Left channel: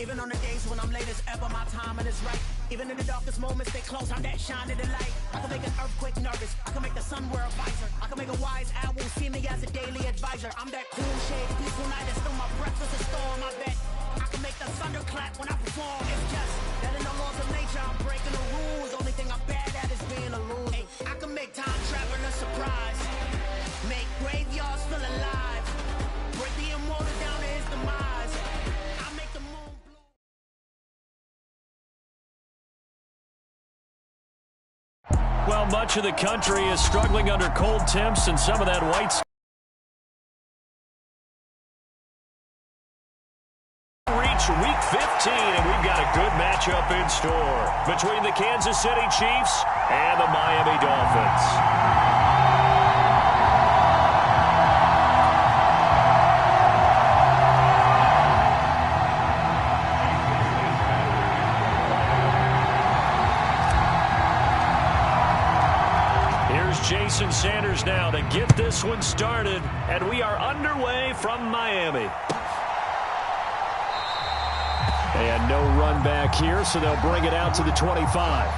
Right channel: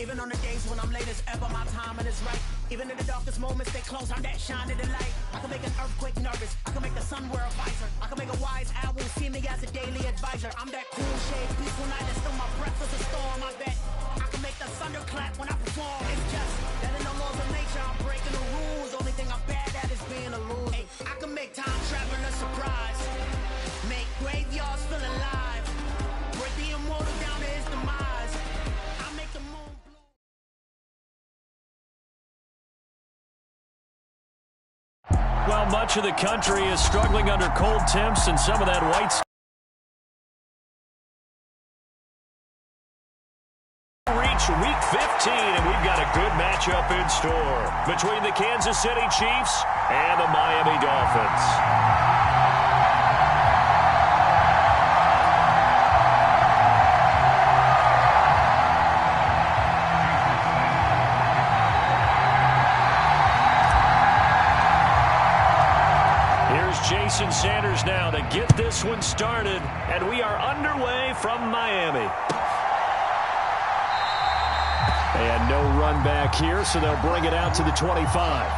Even on the days when I'm late as ever, my timing is right. Even in the darkest moments, they close, I'm that shining the light. I can make an earthquake nervous. I can make the sun wear a visor. I can make a wise owl see me as a daily advisor. I'm that cool shade, peaceful night, and still my breath is a storm. I bet I can make the thunder clap when I perform. It's just that in the laws of nature, I'm breaking the rules. Only thing I'm bad at is being a loser. Hey, I can make time travel a surprise. Make graveyards feel alive. Break the immortal down to his demise. I make the moon. Well, much of the country is struggling under cold temps and some of that white reach week 15, and we've got a good matchup in store between the Kansas City Chiefs and the Miami Dolphins. Here's Jason Sanders now to get this one started, and we are underway from Miami. And no run back here, so they'll bring it out to the 25.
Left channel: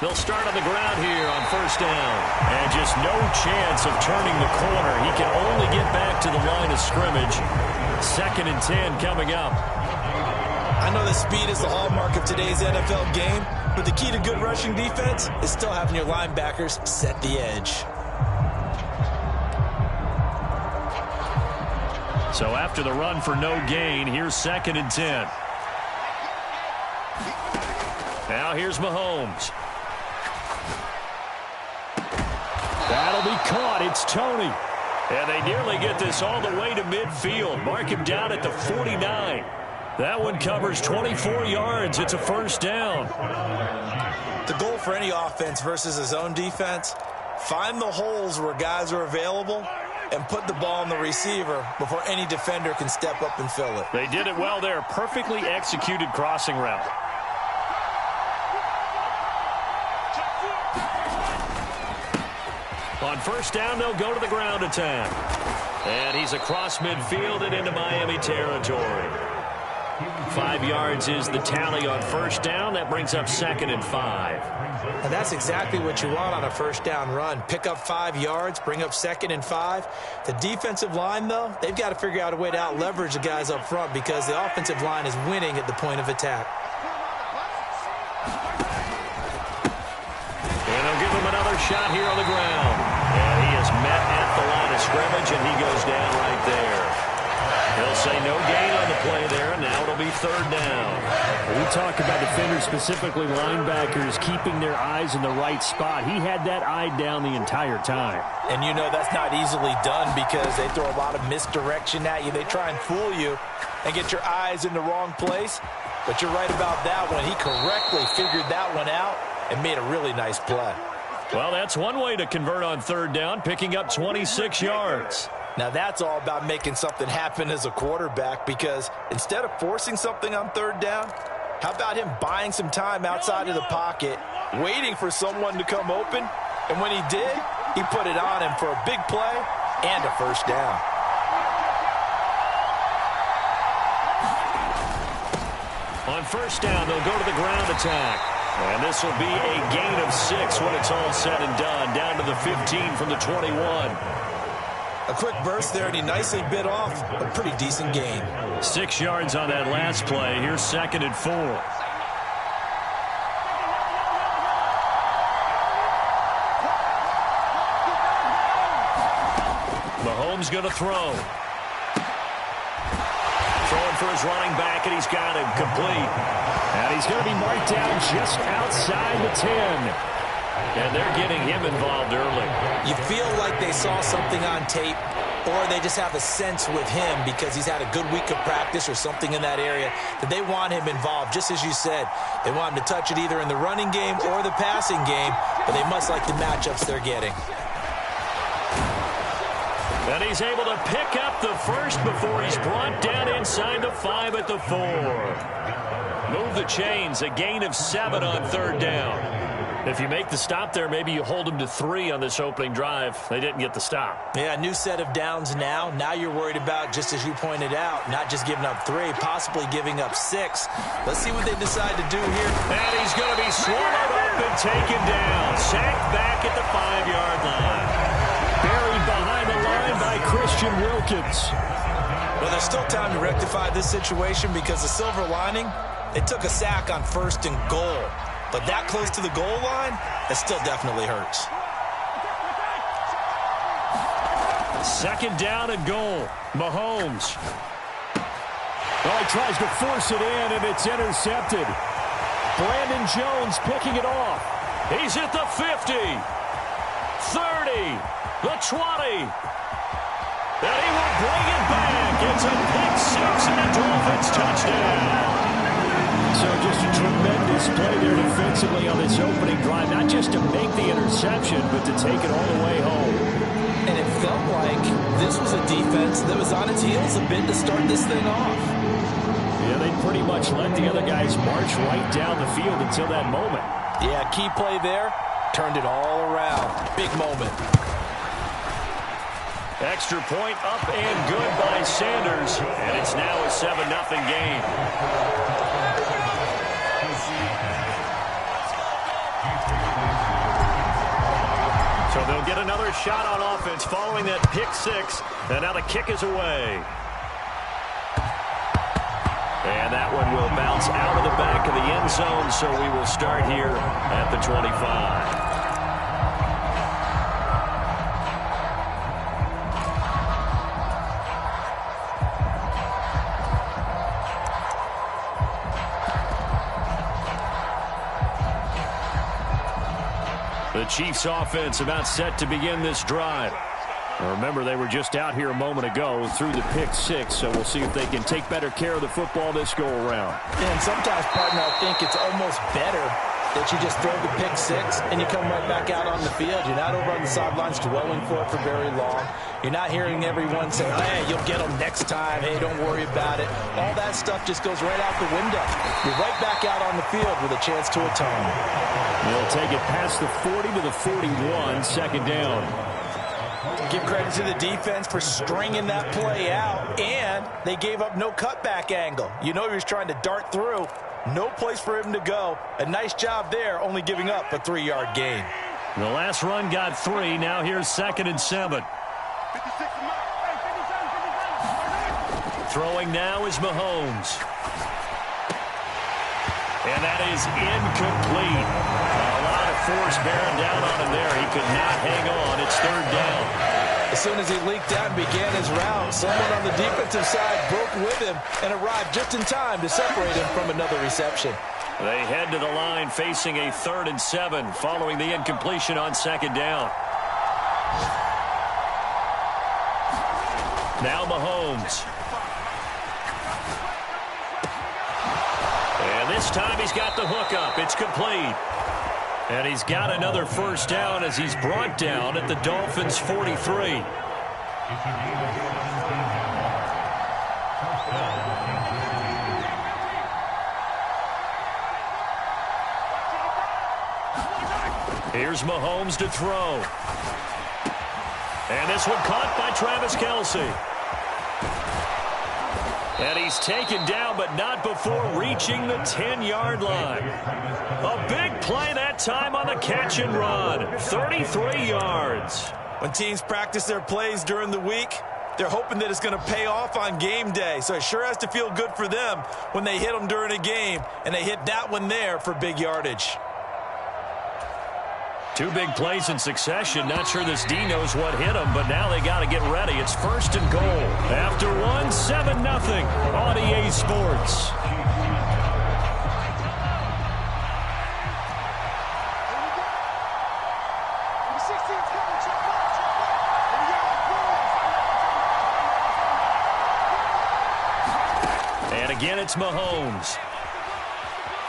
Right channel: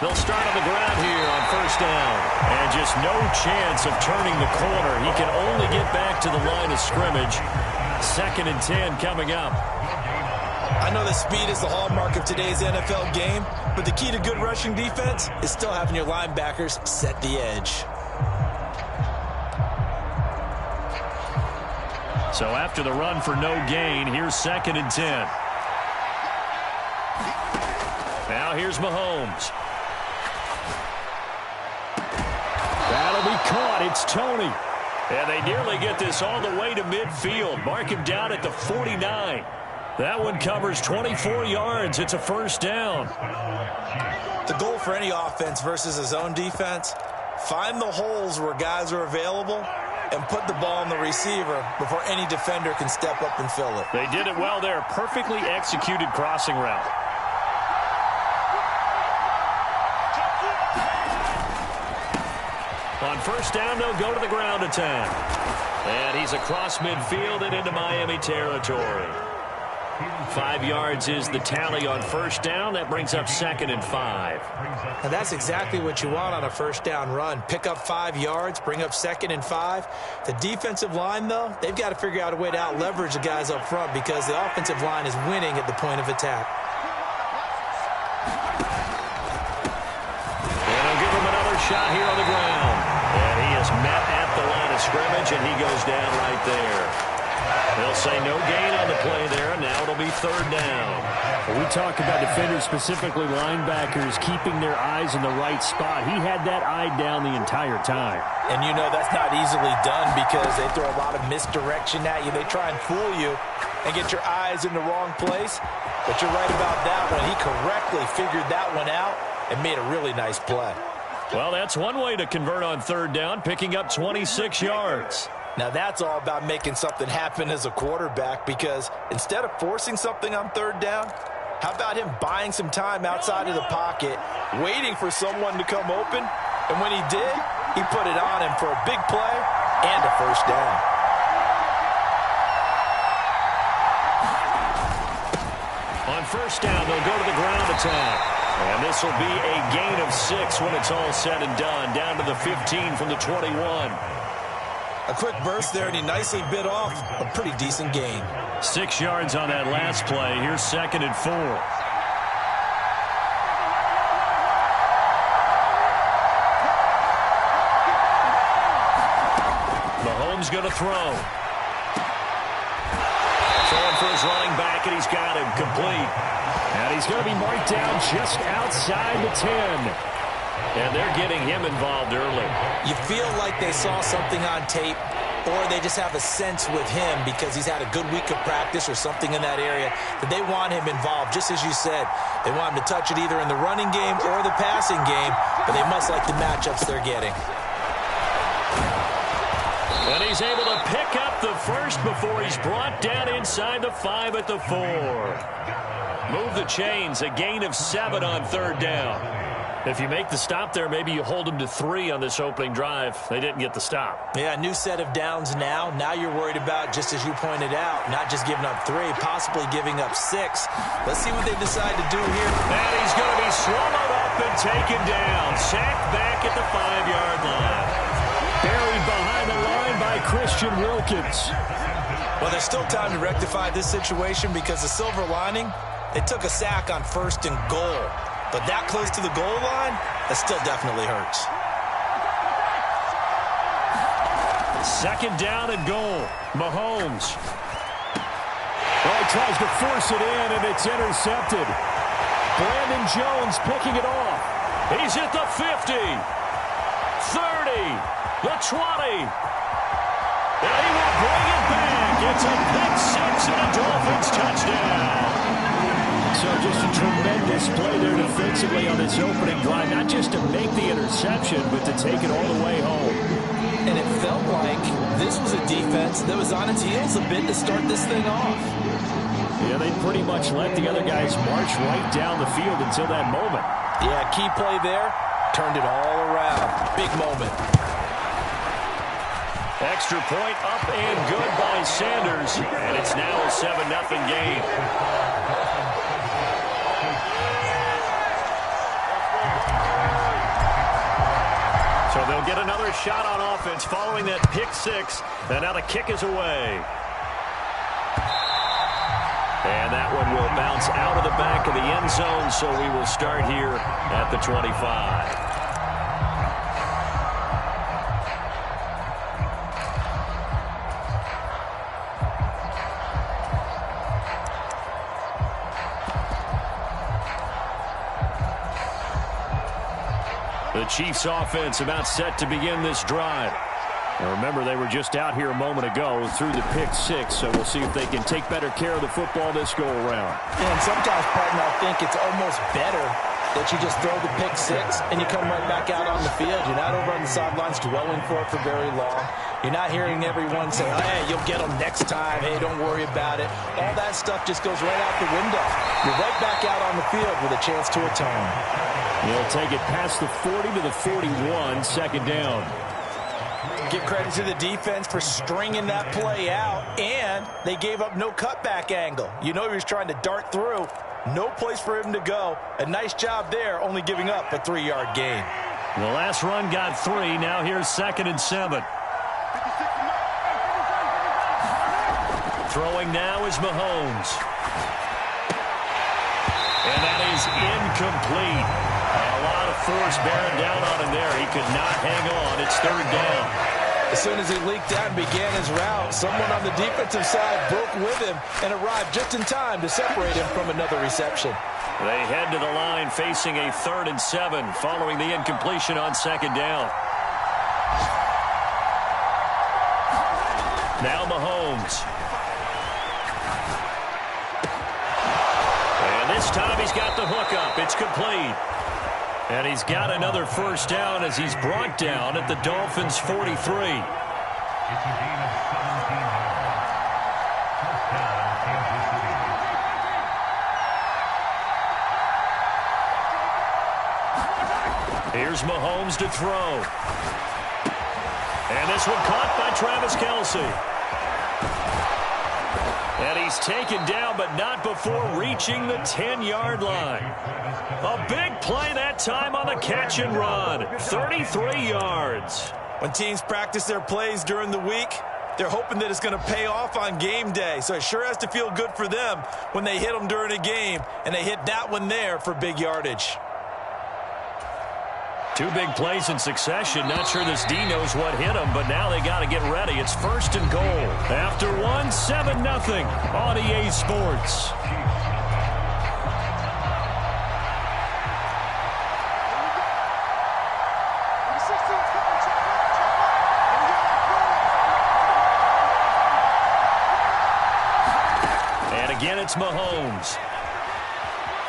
They'll start on the ground here on first down. And just no chance of turning the corner. He can only get back to the line of scrimmage. 2nd and 10 coming up. I know that speed is the hallmark of today's NFL game, but the key to good rushing defense is still having your linebackers set the edge. So after the run for no gain, here's 2nd and 10. Now here's Mahomes. That'll be caught. It's Tony. And they nearly get this all the way to midfield. Mark him down at the 49. That one covers 24 yards. It's a first down. The goal for any offense versus a zone defense, find the holes where guys are available and put the ball on the receiver before any defender can step up and fill it. They did it well there. Perfectly executed crossing route. On first down, they'll go to the ground attack. And he's across midfield and into Miami territory. 5 yards is the tally on first down. That brings up 2nd and 5. And that's exactly what you want on a first down run. Pick up 5 yards, bring up 2nd and 5. The defensive line, though, they've got to figure out a way to out-leverage the guys up front because the offensive line is winning at the point of attack. And they'll give him another shot here on the ground. And he is met at the line of scrimmage, and he goes down right there. They'll say no gain on the play there, and now it'll be 3rd down. Well, we talk about defenders, specifically linebackers, keeping their eyes in the right spot. He had that eye down the entire time. And you know that's not easily done because they throw a lot of misdirection at you. They try and fool you and get your eyes in the wrong place. But you're right about that one. He correctly figured that one out and made a really nice play. Well, that's one way to convert on 3rd down, picking up 26 yards. Now, that's all about making something happen as a quarterback because instead of forcing something on 3rd down, how about him buying some time outside of the pocket, waiting for someone to come open, and when he did, he put it on him for a big play and a first down. On first down, they'll go to the ground attack. And this will be a gain of 6 when it's all said and done, down to the 15 from the 21. A quick burst there, and he nicely bit off a pretty decent gain. 6 yards on that last play. Here's 2nd and 4. Mahomes going to throw. for his running back, and he's got him complete. And he's going to be marked down just outside the 10. And they're getting him involved early. You feel like they saw something on tape, or they just have a sense with him because he's had a good week of practice or something in that area that they want him involved. Just as you said, they want him to touch it either in the running game or the passing game, but they must like the matchups they're getting. And he's able to pick up the first before he's brought down inside the 5 at the 4. Move the chains, a gain of 7 on 3rd down. If you make the stop there, maybe you hold them to 3 on this opening drive. They didn't get the stop. Yeah, new set of downs now. Now you're worried about, just as you pointed out, not just giving up 3, possibly giving up 6. Let's see what they decide to do here. And he's going to be swallowed up and taken down. Sacked back at the 5-yard line. Buried behind the line by Christian Wilkins. Well, there's still time to rectify this situation because the silver lining, they took a sack on 1st and goal. But that close to the goal line, that still definitely hurts. 2nd down and goal. Mahomes. Oh, he tries to force it in, and it's intercepted. Brandon Jones picking it off. He's at the 50. 30. The 20. And he will bring it back. It's a pick 6 and a Dolphins touchdown. So just a tremendous play there defensively on this opening drive. Not just to make the interception, but to take it all the way home. And it felt like this was a defense that was on its heels a bit to start this thing off. Yeah, they pretty much let the other guys march right down the field until that moment. Yeah, key play there. Turned it all around. Big moment. Extra point up and good by Sanders. And it's now a 7-0 game. So they'll get another shot on offense following that pick 6. And now the kick is away. And that one will bounce out of the back of the end zone. So we will start here at the 25. The Chiefs offense about set to begin this drive. Now remember, they were just out here a moment ago through the pick 6, so we'll see if they can take better care of the football this go around. And sometimes, partner, I think it's almost better that you just throw the pick 6 and you come right back out on the field. You're not over on the sidelines dwelling for it for very long. You're not hearing everyone say, hey, you'll get them next time. Hey, don't worry about it. All that stuff just goes right out the window. You're right back out on the field with a chance to atone. He'll take it past the 40 to the 41, 2nd down. Give credit to the defense for stringing that play out, and they gave up no cutback angle. You know he was trying to dart through. No place for him to go. A nice job there, only giving up a 3-yard gain. The last run got 3. Now here's 2nd and 7. Throwing now is Mahomes. And that is incomplete. A lot of force bearing down on him there. He could not hang on. It's 3rd down. As soon as he leaked out and began his route, someone on the defensive side broke with him and arrived just in time to separate him from another reception. They head to the line facing a 3rd and 7 following the incompletion on 2nd down. Now Mahomes. And this time he's got the hook up. It's complete. And he's got another 1st down as he's brought down at the Dolphins' 43. Here's Mahomes to throw. And this one caught by Travis Kelce. And he's taken down, but not before reaching the 10-yard line. A big play that time on the catch and run. 33 yards. When teams practice their plays during the week, they're hoping that it's going to pay off on game day. So it sure has to feel good for them when they hit them during a game, and they hit that one there for big yardage. Two big plays in succession. Not sure this D knows what hit him, but now they got to get ready. It's 1st and goal. After one, 7-0 on EA Sports. And again, it's Mahomes.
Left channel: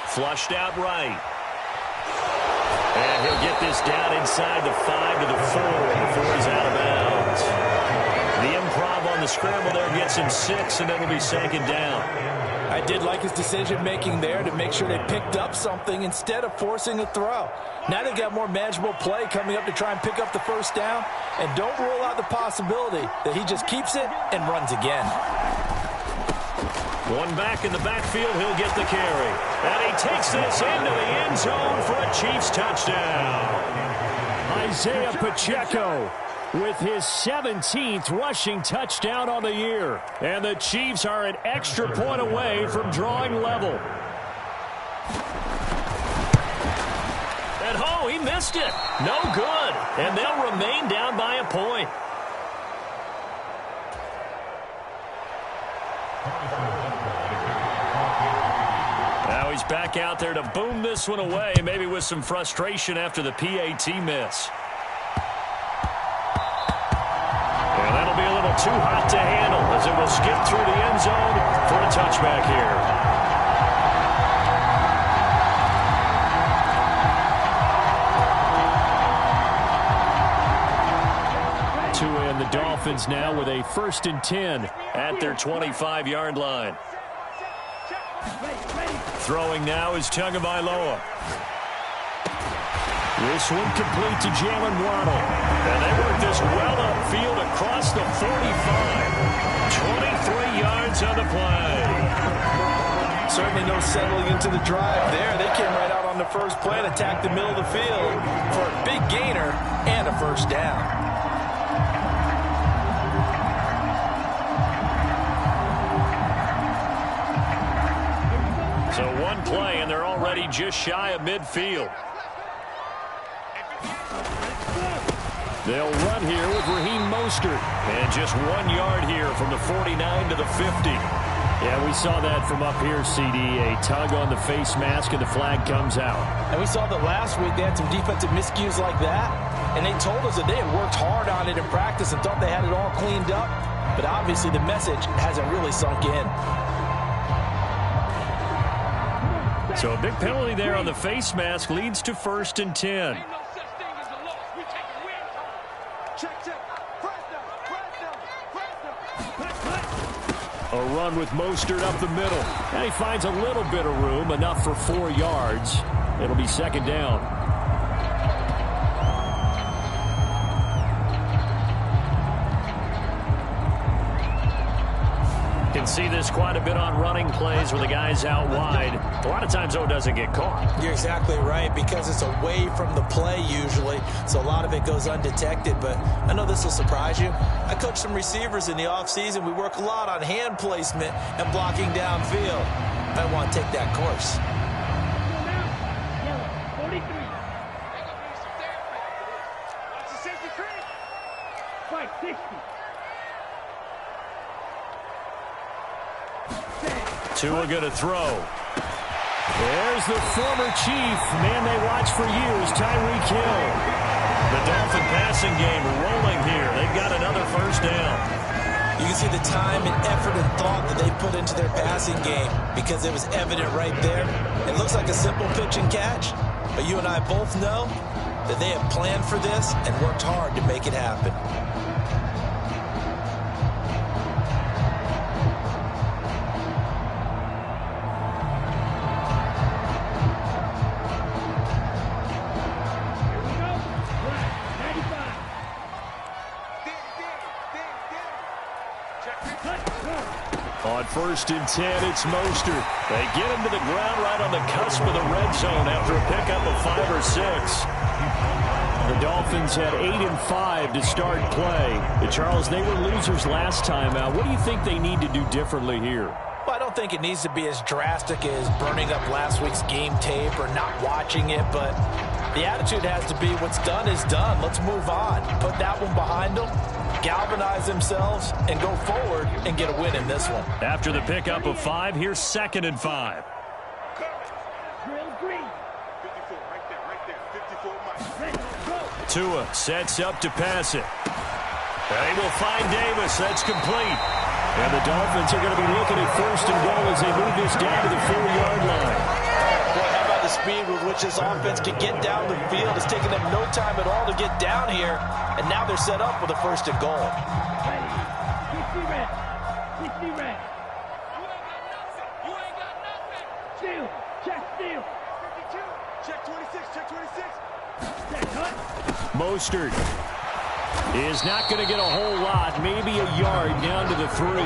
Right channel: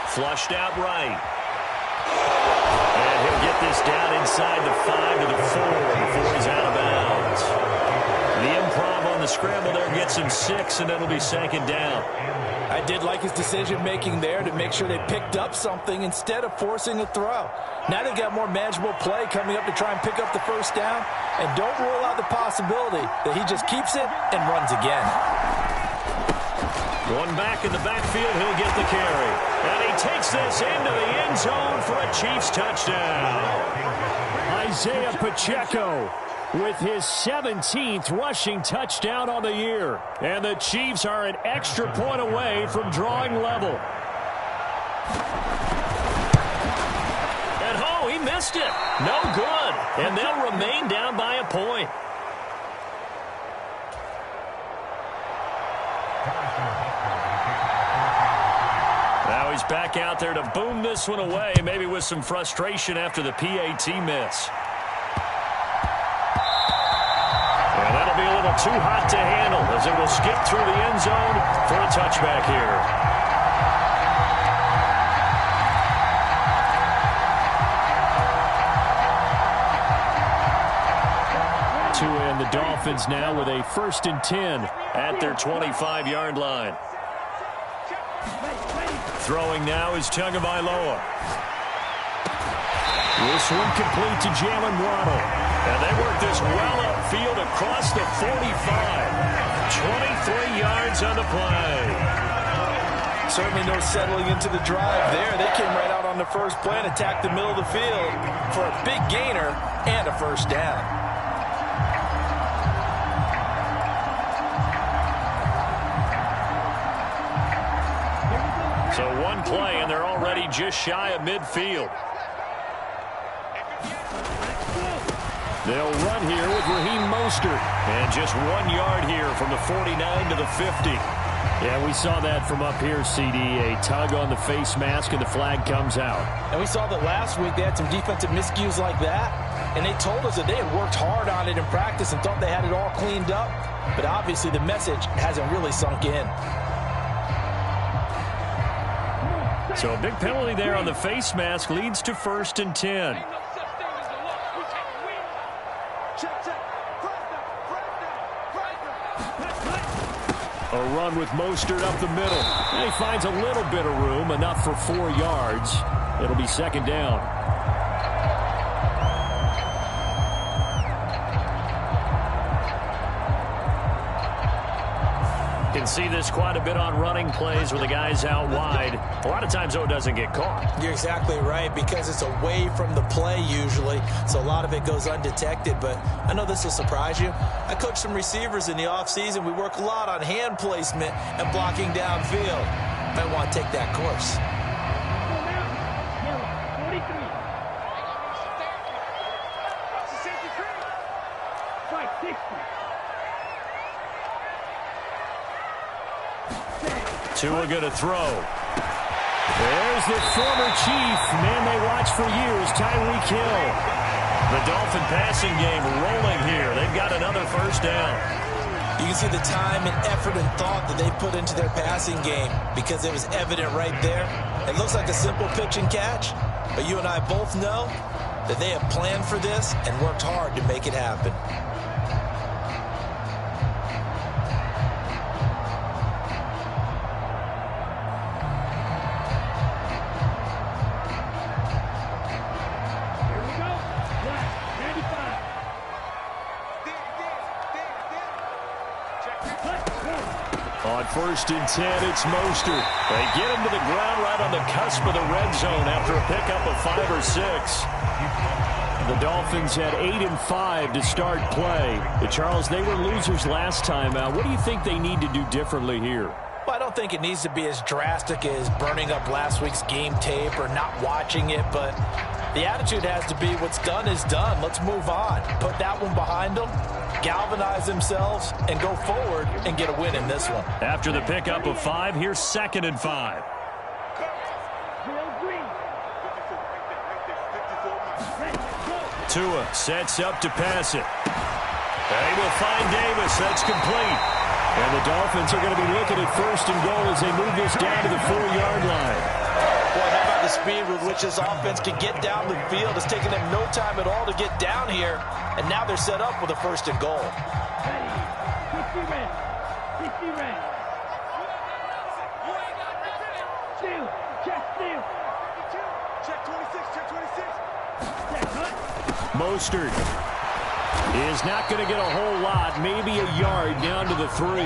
Flushed out right. And he'll get this down inside the 5 to the 4 before he's out of bounds. The improv on the scramble there gets him 6, and it'll be 2nd down. I did like his decision-making there to make sure they picked up something instead of forcing a throw. Now they've got more manageable play coming up to try and pick up the 1st down. And don't rule out the possibility that he just keeps it and runs again. One back in the backfield, he'll get the carry. And he takes this into the end zone for a Chiefs touchdown. Isaiah Pacheco with his 17th rushing touchdown on the year. And the Chiefs are an extra point away from drawing level. And oh, he missed it. No good. And they'll remain down by a point. Now he's back out there to boom this one away, maybe with some frustration after the PAT miss. And that'll be a little too hot to handle as it will skip through the end zone for a touchback here. To end the Dolphins now with a 1st and 10 at their 25-yard line. Throwing now is Tagovailoa. This one complete to Jalen Waddle. And they work this well upfield across the 45. 23 yards on the play. Certainly no settling into the drive there. They came right out on the first play and attacked the middle of the field for a big gainer and a 1st down. So one play, and they're already just shy of midfield. They'll run here with Raheem Mostert. And just 1 yard here from the 49 to the 50. Yeah, we saw that from up here, CD. A tug on the face mask, and the flag comes out. And we saw that last week they had some defensive miscues like that. And they told us that they had worked hard on it in practice and thought they had it all cleaned up. But obviously the message hasn't really sunk in. So a big penalty there on the face mask leads to 1st and 10. A run with Mostert up the middle. And he finds a little bit of room, enough for 4 yards. It'll be 2nd down. Can see this quite a bit on running plays where the guy's out wide. A lot of times, though, it doesn't get caught. You're exactly right, because it's away from the play usually, so a lot of it goes undetected. But I know this will surprise you. I coach some receivers in the offseason. We work a lot on hand placement and blocking downfield. Might want to take that course. Yellow, 43. Fight 60. Tua going to throw. There's the former Chief, man they watched for years, Tyreek Hill. The Dolphin passing game rolling here. They've got another 1st down. You can see the time and effort and thought that they put into their passing game because it was evident right there. It looks like a simple pitch and catch, but you and I both know that they have planned for this and worked hard to make it happen. On 1st and 10, it's Mostert. They get him to the ground right on the cusp of the red zone after a pickup of 5 or 6. The Dolphins had 8 and 5 to start play. Charles, they were losers last time out. What do you think they need to do differently here? Well, I don't think it needs to be as drastic as burning up last week's game tape or not watching it, but The attitude has to be what's done is done. Let's move on. Put that one behind them, galvanize themselves, and go forward and get a win in this one. After the pickup of 5, here's 2nd and 5. Drill green. 54, right there. 54, Mike. Ready, go. Tua sets up to pass it. They will find Davis. That's complete. And the Dolphins are going to be looking at 1st and goal as they move this down to the 4-yard line. Boy, how about the speed with which this offense can get down the field? It's taken them no time at all to get down here, and now they're set up with a 1st and goal. Ready. 60 red. 60 red. You ain't got nothing. Steal. Check steal. 52. Check 26. Check 26. Check cut. Mostert is not going to get a whole lot, maybe a yard down to the 3.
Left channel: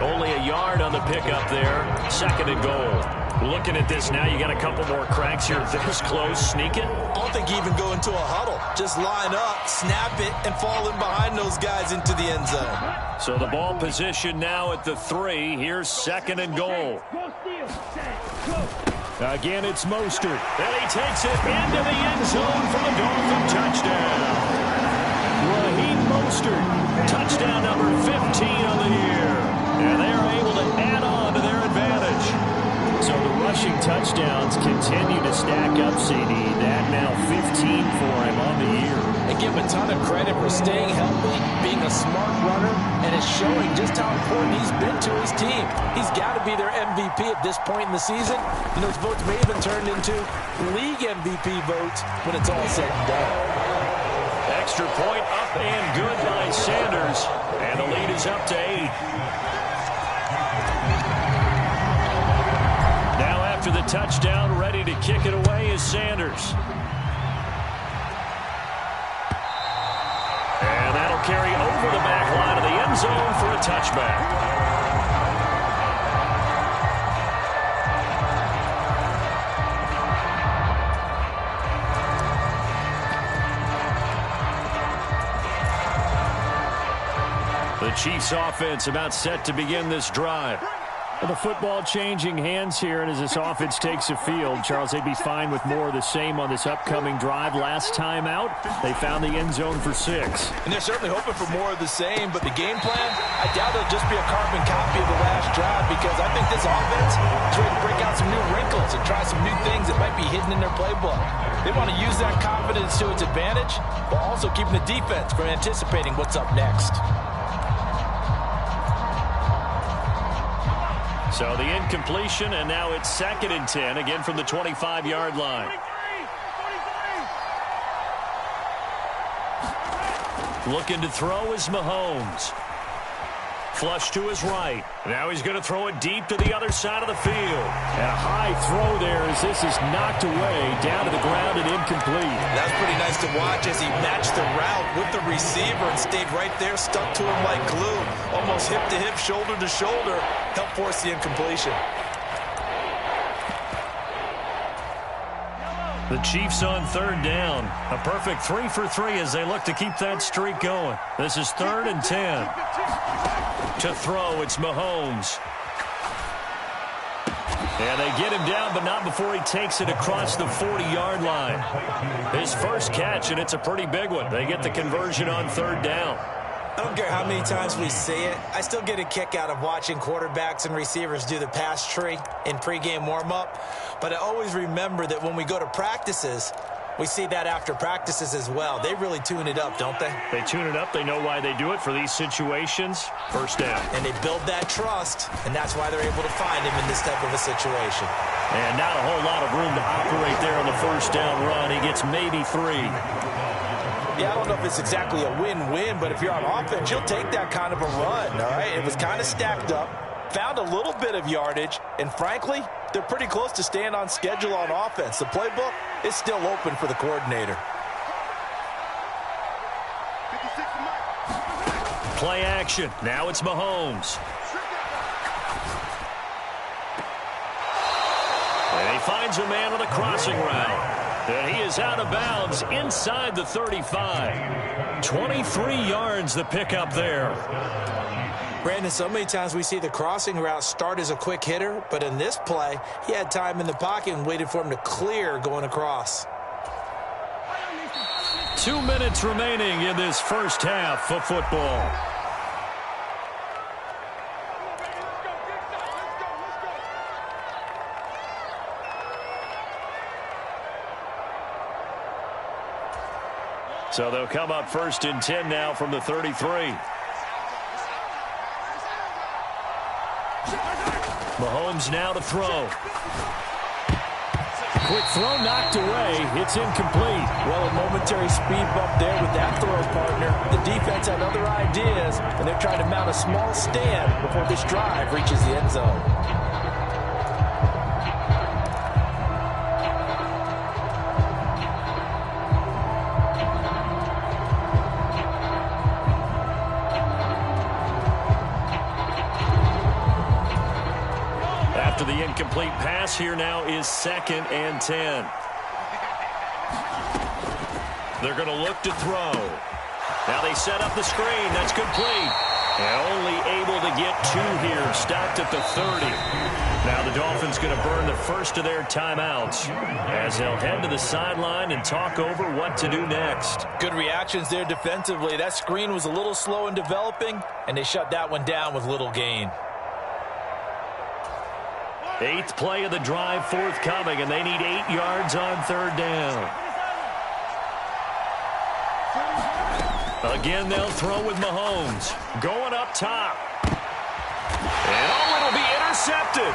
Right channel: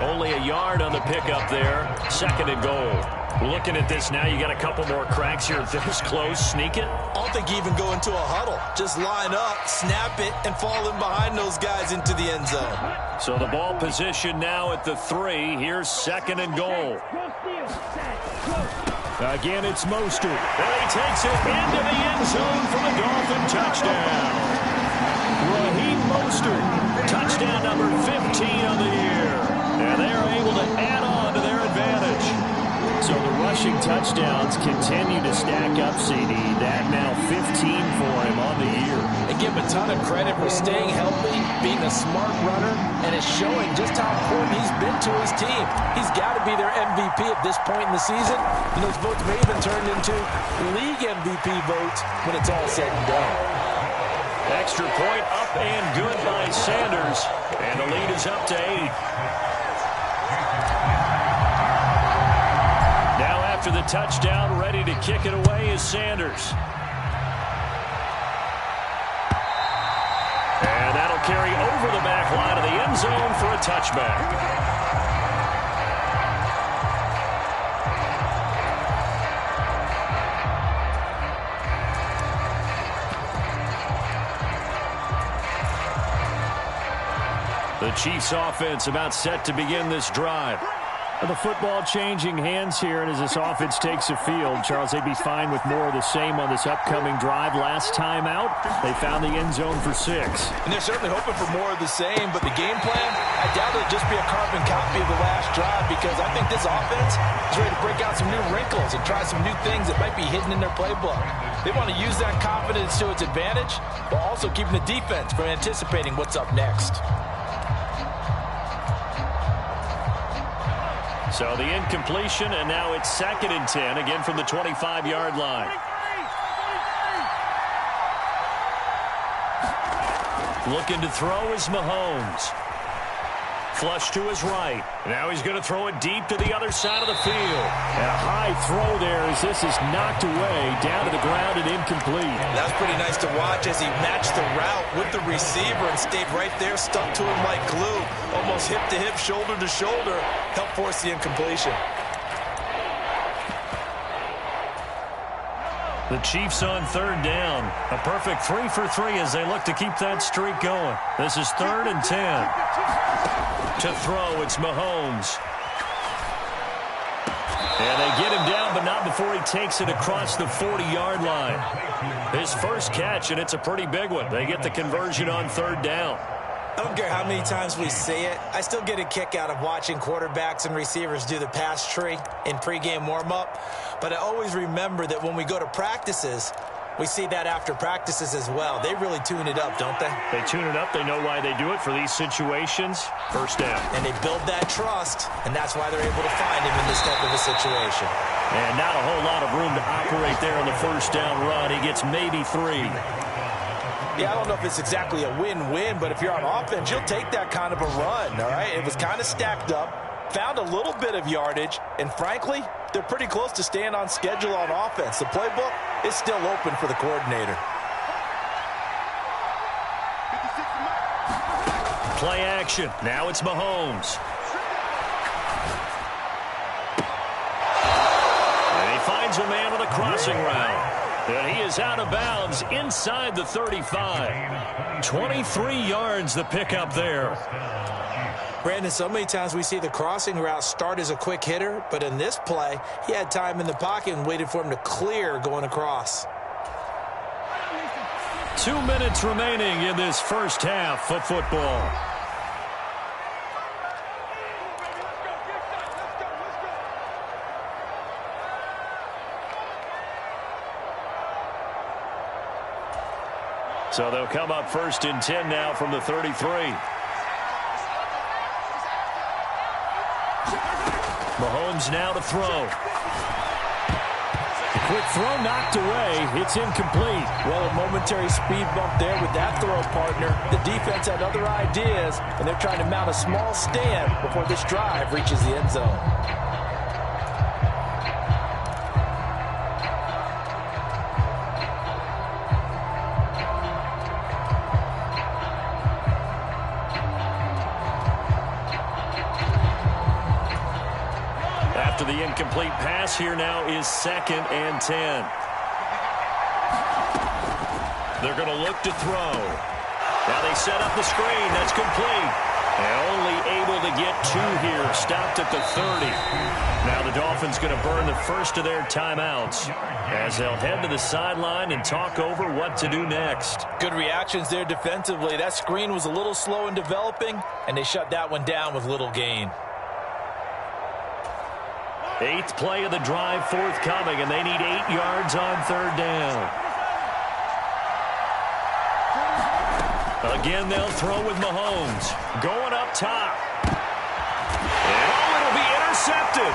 Only a yard on the pickup there. 2nd and goal. Looking at this now, you got a couple more cracks here this close. Sneak it. I don't think you even go into a huddle. Just line up, snap it, and fall in behind those guys into the end zone. So the ball position now at the 3. Here's 2nd and goal. Go steal. Set. Go. Again, it's Mostert. And he takes it into the end zone for the Dolphin touchdown. Raheem Mostert, Touchdown number 15 on the year. And they are able to add on to their advantage. So the rushing touchdowns continue to stack up, CD. That now 15 for him on the year. And give him a ton of credit for staying healthy, being a smart runner, and it's showing just how important he's been to his team. He's got to be their MVP at this point in the season. And those votes may even turn into league MVP votes when it's all said and done. Extra point up and good by Sanders. And the lead is up to 8. Now after the touchdown, ready to kick it away is Sanders. And that'll carry over the back line of the end zone for a touchback. The Chiefs offense about set to begin this drive. The football changing hands here, and as this offense takes the field, Charles, they'd be fine with more of the same on this upcoming drive. Last time out, they found the end zone for 6. And they're certainly hoping for more of the same, but the game plan, I doubt it'll just be a carbon copy of the last drive, because I think this offense is ready to break out some new wrinkles and try some new things that might be hidden in their playbook. They want to use that confidence to its advantage, while also keeping the defense from anticipating what's up next. So the incompletion, and now it's 2nd and 10, again from the 25-yard line. 43. Looking to throw is Mahomes. Flush to his right. Now he's going to throw it deep to the other side of the field. And a high throw there as this is knocked away down to the ground and incomplete. That's pretty nice to watch as he matched the route with the receiver and stayed right there, stuck to him like glue, almost hip to hip, shoulder to shoulder, helped force the incompletion. The Chiefs on 3rd down. A perfect 3 for 3 as they look to keep that streak going. This is 3rd and 10. To throw, it's Mahomes. And they get him down, but not before he takes it across the 40-yard line. His first catch, and it's a pretty big one. They get the conversion on 3rd down. I don't care how many times we see it. I still get a kick out of watching quarterbacks and receivers do the pass tree in pregame warm-up. But I always remember that when we go to practices, we see that after practices as well. They really tune it up, don't they? They tune it up. They know why they do it for these situations. First down. And they build that trust, and that's why they're able to find him in this type of a situation. And not a whole lot of room to operate there on the first down run. He gets maybe 3. Yeah, I don't know if it's exactly a win-win, but if you're on offense, you'll take that kind of a run, all right? It was kind of stacked up, found a little bit of yardage, and frankly, they're pretty close to staying on schedule on offense. The playbook is still open for the coordinator. 56 to Mike. Play action. Now it's Mahomes. And he finds a man on the crossing route. And he is out of bounds inside the 35. 23 yards the pickup there. Brandon, so many times we see the crossing route start as a quick hitter, but in this play, he had time in the pocket and waited for him to clear going across. 2 minutes remaining in this first half of football. Come on, baby, let's go. Get excited. Let's go. Let's go. So they'll come up 1st and 10 now from the 33. Mahomes now to throw. The quick throw knocked away. It's incomplete. Well, a momentary speed bump there with that throw, partner. The defense had other ideas, and they're trying to mount a small stand before this drive reaches the end zone. After the incomplete pass, here now is 2nd and 10. They're going to look to throw. Now they set up the screen. That's complete. And only able to get 2 here. Stopped at the 30. Now the Dolphins going to burn the first of their timeouts as they'll head to the sideline and talk over what to do next. Good reactions there defensively. That screen was a little slow in developing, and they shut that one down with little gain. 8th play of the drive forthcoming, and they need 8 yards on 3rd down. Again, they'll throw with Mahomes. Going up top. And it'll be intercepted.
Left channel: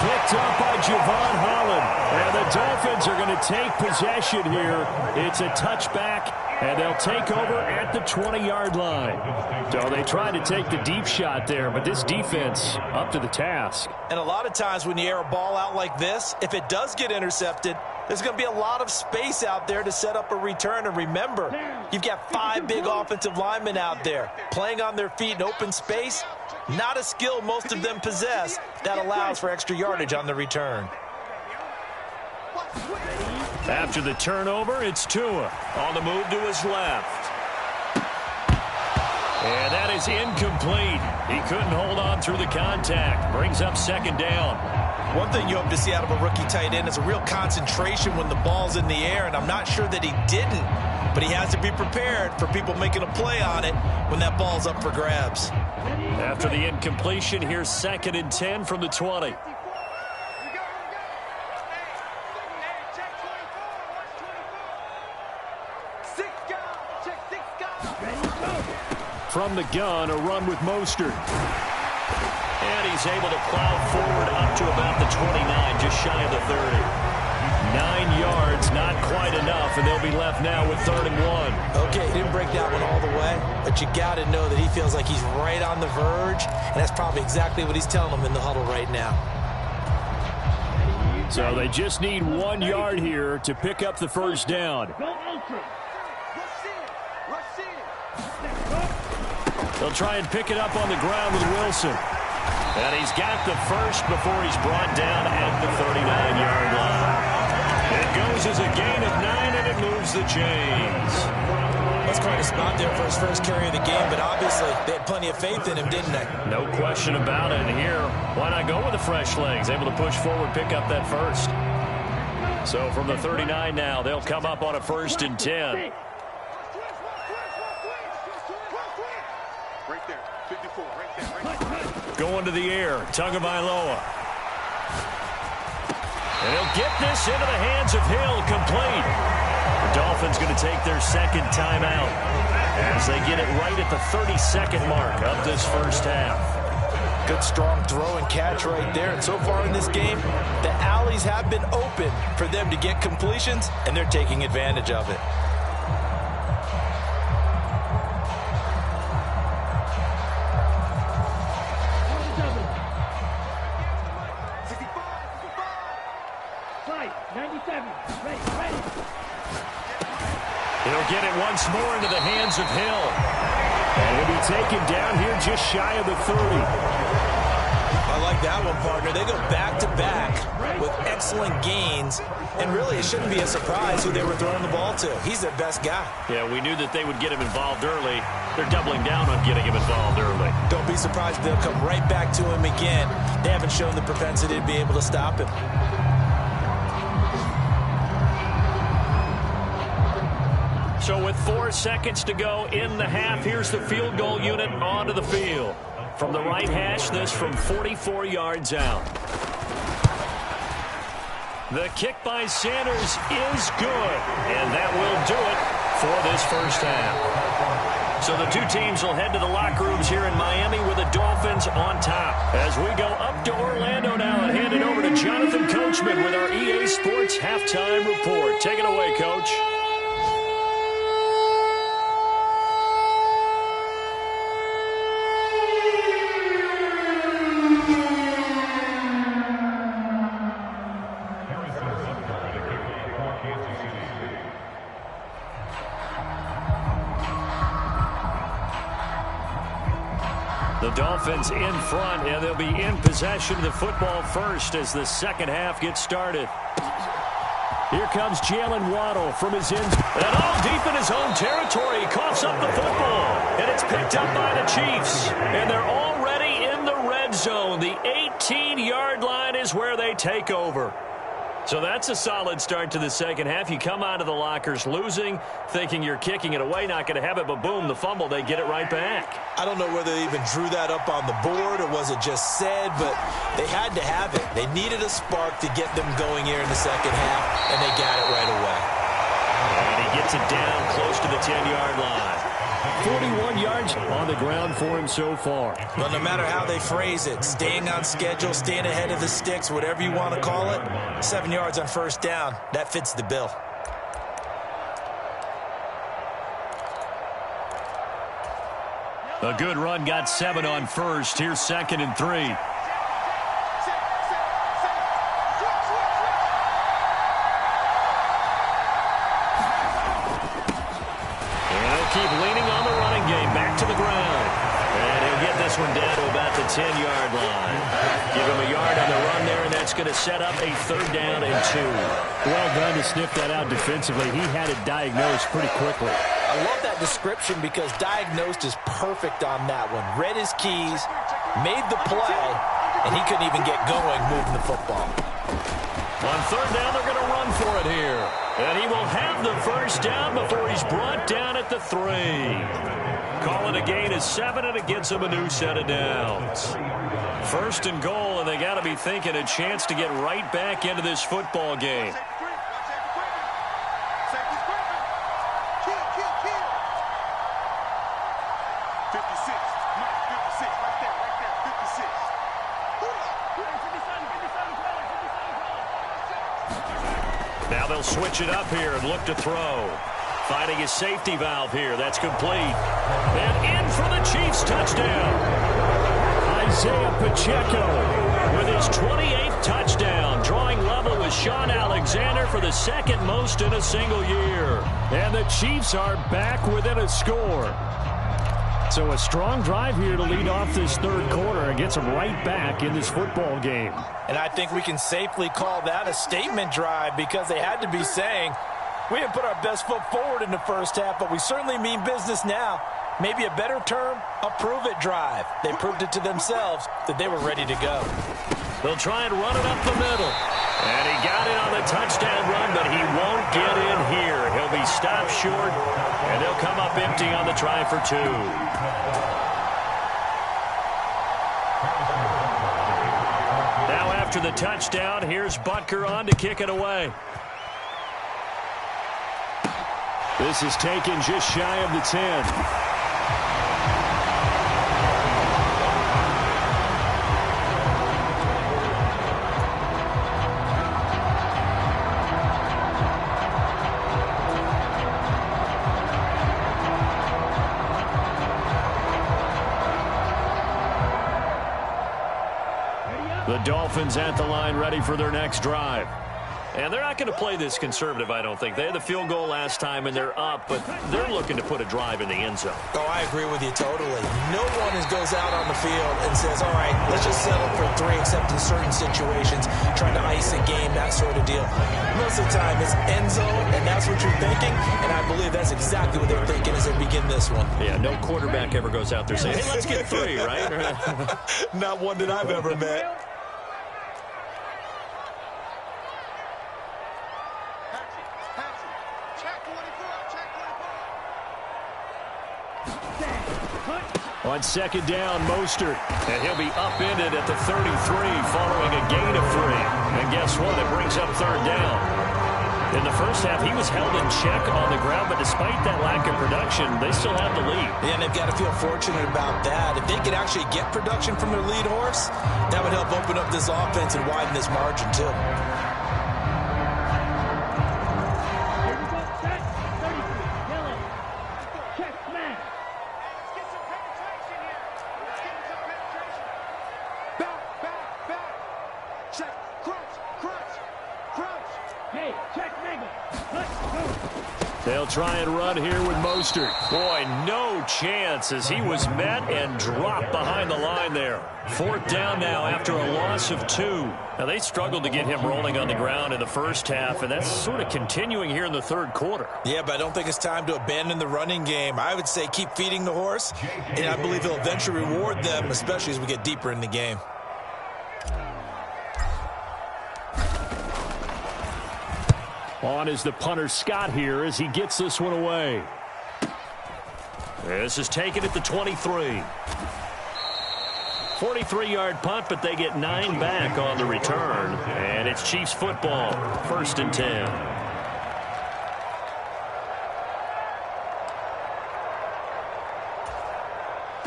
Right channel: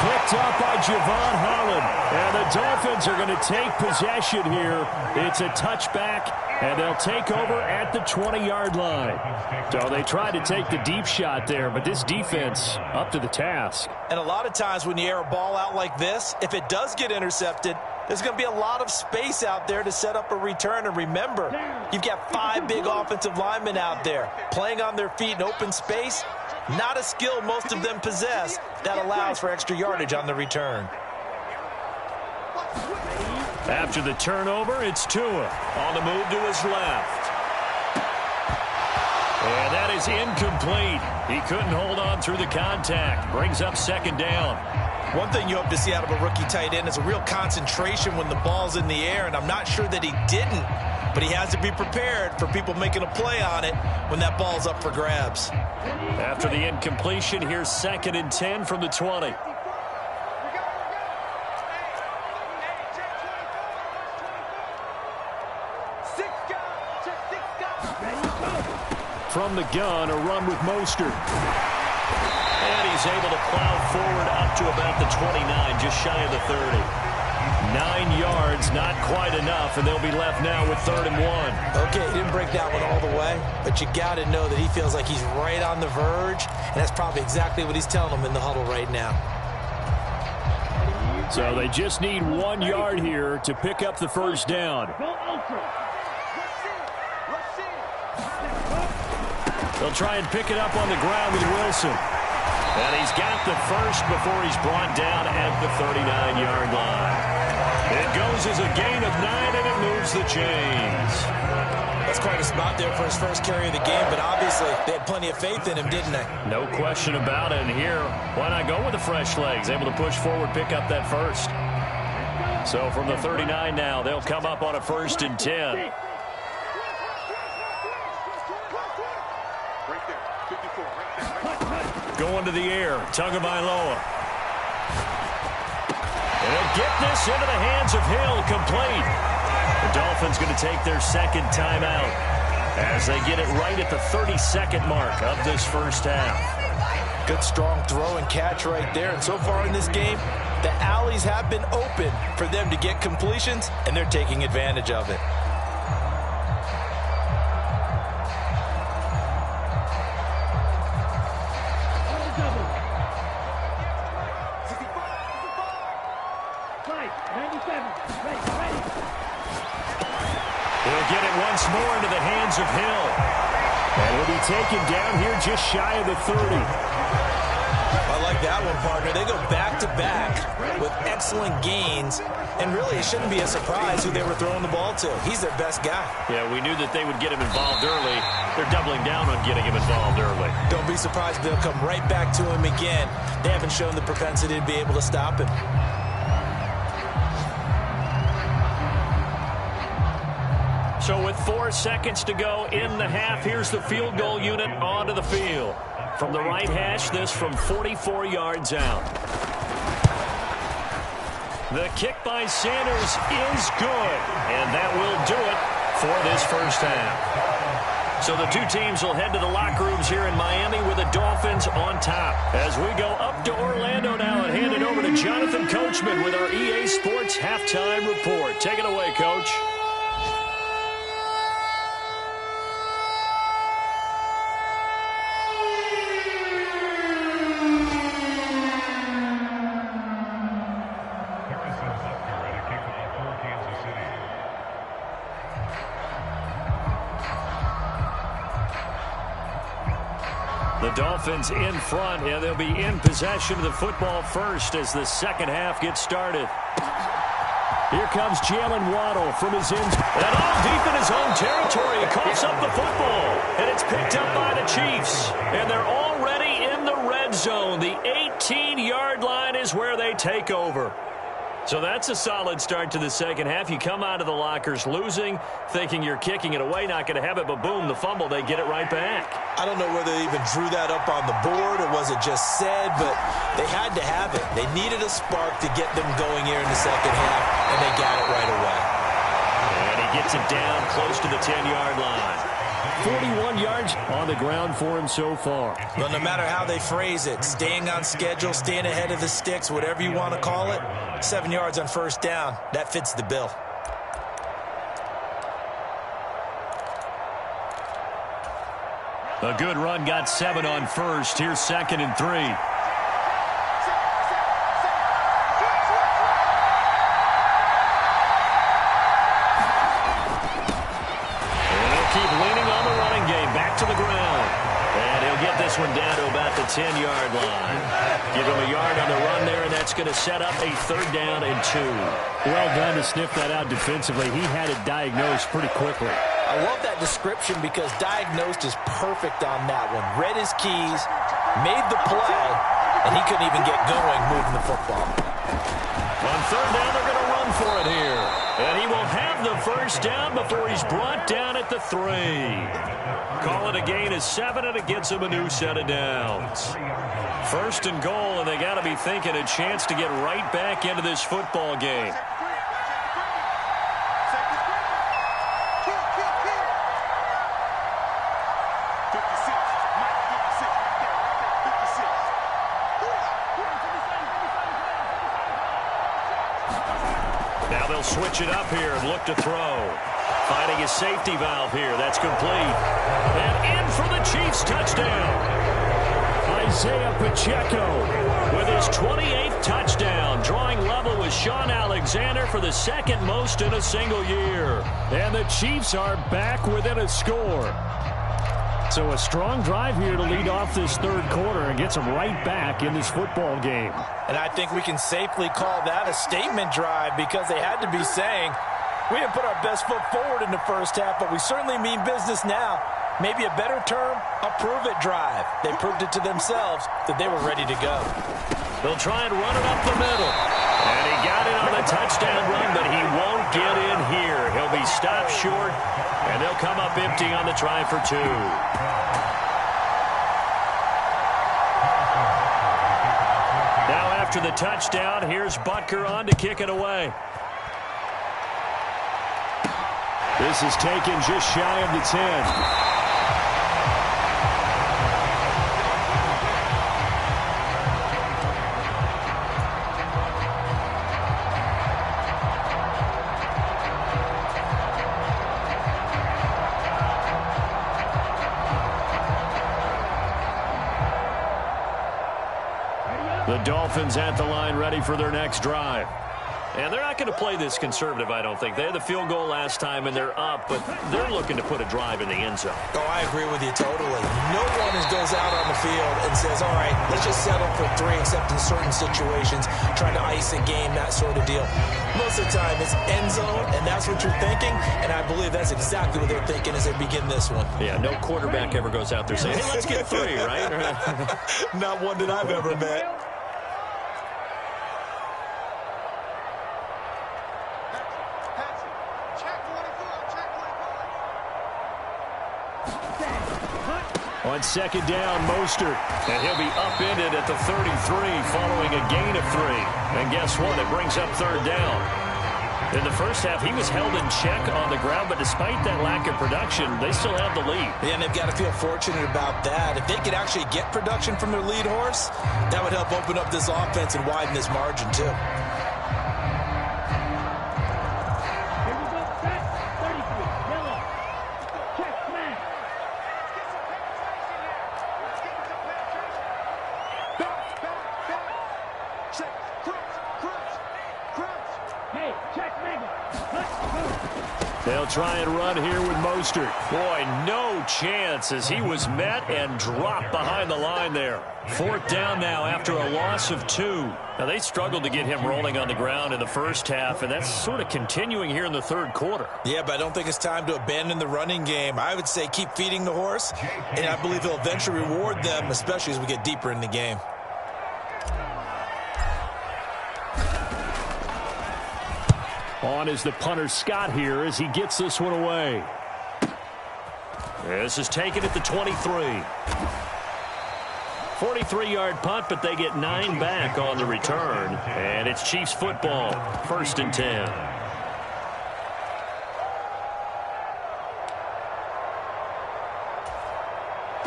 Picked up by Javon Holland. And the Dolphins are going to take possession here. It's a touchback, and they'll take over at the 20-yard line. So they tried to take the deep shot there, but this defense up to the task. And a lot of times when you air a ball out like this, if it does get intercepted, there's going to be a lot of space out there to set up a return. And remember, you've got 5 big offensive linemen out there playing on their feet in open space. Not a skill most of them possess that allows for extra yardage on the return. After the turnover, it's Tua on the move to his left. And that is incomplete. He couldn't hold on through the contact. Brings up 2nd down. One thing you hope to see out of a rookie tight end is a real concentration when the ball's in the air, and I'm not sure that he didn't, but he has to be prepared for people making a play on it when that ball's up for grabs. After the incompletion, here's 2nd and 10 from the 20. From the gun, a run with Mostert. And he's able to plow forward up to about the 29, just shy of the 30. 9 yards, not quite enough, and they'll be left now with 3rd and 1. Okay, he didn't break that one all the way, but you got to know that he feels like he's right on the verge, and that's probably exactly what he's telling them in the huddle right now. So they just need 1 yard here to pick up the 1st down. They'll try and pick it up on the ground with Wilson. And he's got the first before he's brought down at the 39-yard line. It goes as a gain of 9, and it moves the chains. That's quite a spot there for his first carry of the game, but obviously they had plenty of faith in him, didn't they? No question about it. And here, why not go with the fresh legs? Able to push forward, pick up that first. So from the 39 now, they'll come up on a 1st and 10. Right there, 54, right there. Going to the air, Tagovailoa. And he'll get this into the hands of Hill, complete. The Dolphins going to take their 2nd timeout as they get it right at the 32nd mark of this first half. Good strong throw and catch right there. And so far in this game, the alleys have been open for them to get completions, and they're taking advantage of it. He'll get it once more into the hands of Hill. And he'll be taken down here just shy of the 30. I like that one, partner. They go back-to-back with excellent gains. And really, it shouldn't be a surprise who they were throwing the ball to. He's their best guy. Yeah, we knew that they would get him involved early. They're doubling down on getting him involved early. Don't be surprised if they'll come right back to him again. They haven't shown the propensity to be able to stop him. So with 4 seconds to go in the half, here's the field goal unit onto the field. From the right hash, this from 44 yards out. The kick by Sanders is good, and that will do it for this first half. So the two teams will head to the locker rooms here in Miami with the Dolphins on top. As we go up to Orlando now and hand it over to Jonathan Coachman with our EA Sports Halftime Report. Take it away, Coach. The Dolphins in front, and they'll be in possession of the football first as the second half gets started. Here comes Jalen Waddle from his end. And all deep in his own territory. He coughs up the football. And it's picked up by the Chiefs. And they're already in the red zone. The 18-yard line is where they take over. So that's a solid start to the second half. You come out of the lockers losing, thinking you're kicking it away, not going to have it, but boom, the fumble, they get it right back. I don't know whether they even drew that up on the board or was it just said, but they had to have it. They needed a spark to get them going here in the second half, and they got it right away. And he gets it down close to the 10-yard line. 41 yards on the ground for him so far. Well, no matter how they phrase it, staying on schedule, staying ahead of the sticks, whatever you want to call it, 7 yards on first down, that fits the bill. A good run got 7 on first. Here's 2nd and 3. Keep leaning on the running game. Back to the ground. And he'll get this one down to about the 10-yard line. Give him a yard on the run there, and that's going to set up a 3rd down and 2. Well done to sniff that out defensively. He had it diagnosed pretty quickly. I love that description because diagnosed is perfect on that one. Read his keys, made the play, and he couldn't even get going moving the football. On 3rd down, they're going to run for it here. And he will have the first down before he's brought down at the 3. Call it a gain of 7, and it gets him a new set of downs. 1st and goal, and they got to be thinking a chance to get right back into this football game. Now they'll switch it up here and look to throw. Finding his safety valve here. That's complete. And in for the Chiefs touchdown. Isaiah Pacheco with his 28th touchdown, drawing level with Sean Alexander for the 2nd most in a single year. And the Chiefs are back within a score. So a strong drive here to lead off this 3rd quarter and gets them right back in this football game. And I think we can safely call that a statement drive because they had to be saying, we didn't put our best foot forward in the first half, but we certainly mean business now. Maybe a better term, a prove-it drive. They proved it to themselves that they were ready to go. They'll try and run it up the middle. And he got it on the touchdown run, but he won't get in here. He'll be stopped short, and they'll come up empty on the try for 2. Now after the touchdown, here's Butker on to kick it away. This is taken just shy of the 10. The Dolphins at the line ready for their next drive. And they're not going to play this conservative, I don't think. They had the field goal last time, and they're up, but they're looking to put a drive in the end zone. Oh, I agree with you totally. No one goes out on the field and says, all right, let's just settle for 3, except in certain situations, trying to ice a game, that sort of deal. Most of the time, it's end zone, and that's what you're thinking, and I believe that's exactly what they're thinking as they begin this one. Yeah, no quarterback ever goes out there saying, hey, let's get 3, right? Not one that I've ever met. Check 24, check 24. On second down, Mostert. And he'll be upended at the 33 following a gain of 3. And guess what? It brings up third down. In the first half, he was held in check on the ground, but despite that lack of production, they still have the lead. Yeah, and they've got to feel fortunate about that. If they could actually get production from their lead horse, that would help open up this offense and widen this margin, too. Here we go, set. 33, yellow. Check, smash. Let's get some penetration here. Let's get some penetration. Back. Check. Crunch. Hey, check, mega. Let's go. They'll try and run here with Mostert. Boy, no chance as he was met and dropped behind the line there. Fourth down now after a loss of 2. Now, they struggled to get him rolling on the ground in the first half, and that's sort of continuing here in the third quarter. Yeah, but I don't think it's time to abandon the running game. I would say keep feeding the horse, and I believe he'll eventually reward them, especially as we get deeper in the game. On is the punter Scott here as he gets this one away. This is taken at the 23. 43-yard punt, but they get 9 back on the return. And it's Chiefs football, 1st and 10.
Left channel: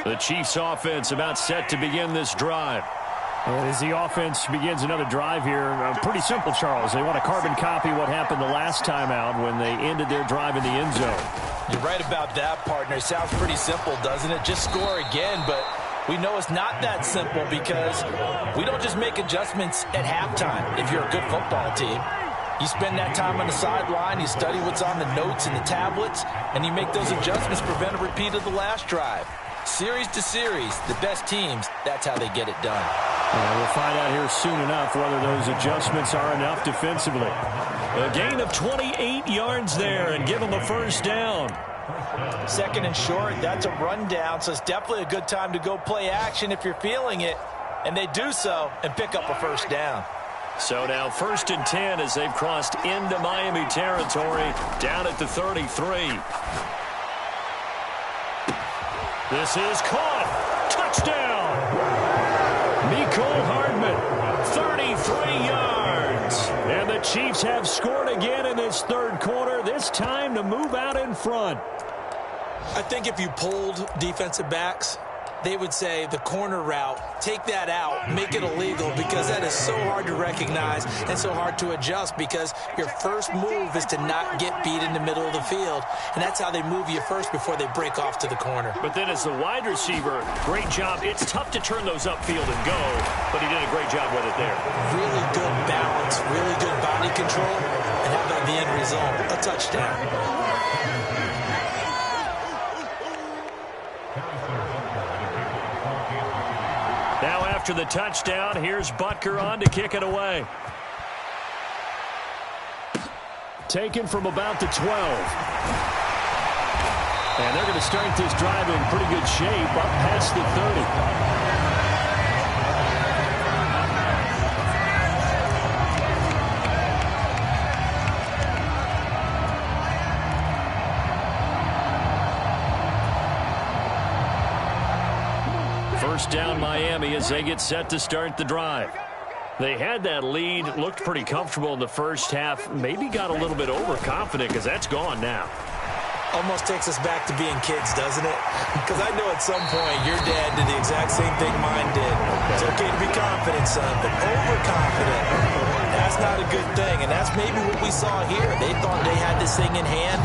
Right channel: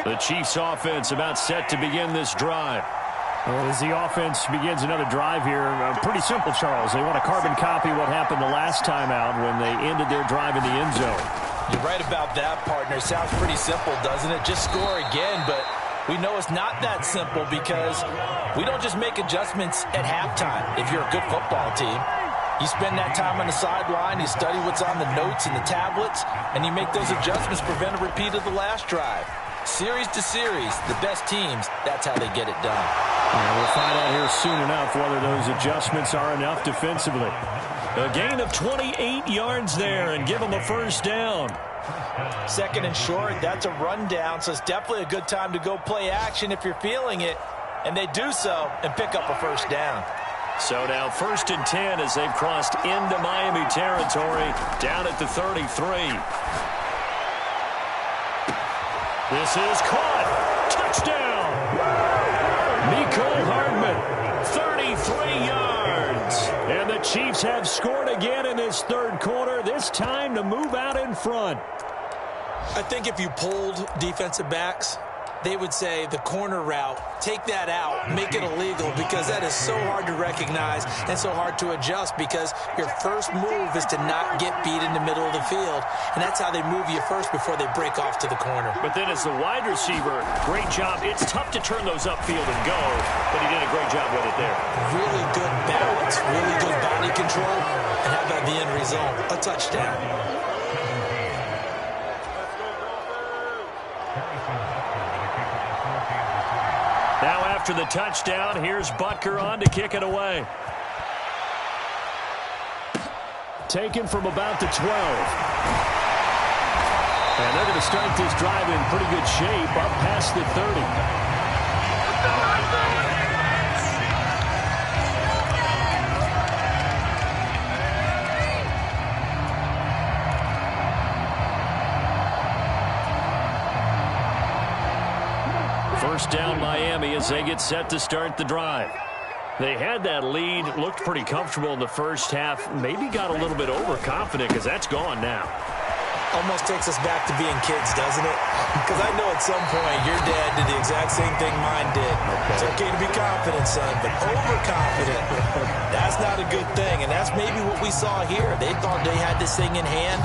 The Chiefs offense about set to begin this drive. And as the offense begins another drive here, pretty simple, Charles. They want to carbon copy what happened the last time out when they ended their drive in the end zone. You're right about that, partner. Sounds pretty simple, doesn't it? Just score again, but we know it's not that simple because we don't just make adjustments at halftime if you're a good football team. You spend that time on the sideline, you study what's on the notes and the tablets, and you make those adjustments to prevent a repeat of the last drive. Series to series, the best teams, that's how they get it done. And we'll find out here soon enough whether those adjustments are enough defensively. A gain of 28 yards there and give them a first down. Second and short, that's a rundown, so it's definitely a good time to go play action if you're feeling it. And they do so and pick up a first down. So now 1st and 10 as they've crossed into Miami territory down at the 33. This is caught. Touchdown. Mecole Hardman, 33 yards. And the Chiefs have scored again in this third quarter, this time to move out in front. I think if you polled defensive backs, they would say the corner route, take that out, make it illegal, because that is so hard to recognize and so hard to adjust because your first move is to not get beat in the middle of the field, and that's how they move you first before they break off to the corner. But then as the wide receiver, great job. It's tough to turn those upfield and go, but he did a great job with it there. Really good balance, really good body control, and how about the end result? A touchdown. Now after the touchdown, here's Butker on to kick it away. Taken from about the 12. And they're going to start this drive in pretty good shape up past the 30. First down Miami as they get set to start the drive. They had that lead, looked pretty comfortable in the first half, maybe got a little bit overconfident because that's gone now. Almost takes us back to being kids, doesn't it? Because I know at some point your dad did the exact same thing mine did. Okay. It's okay to be confident, son, but overconfident, that's not a good thing. And that's maybe what we saw here. They thought they had this thing in hand,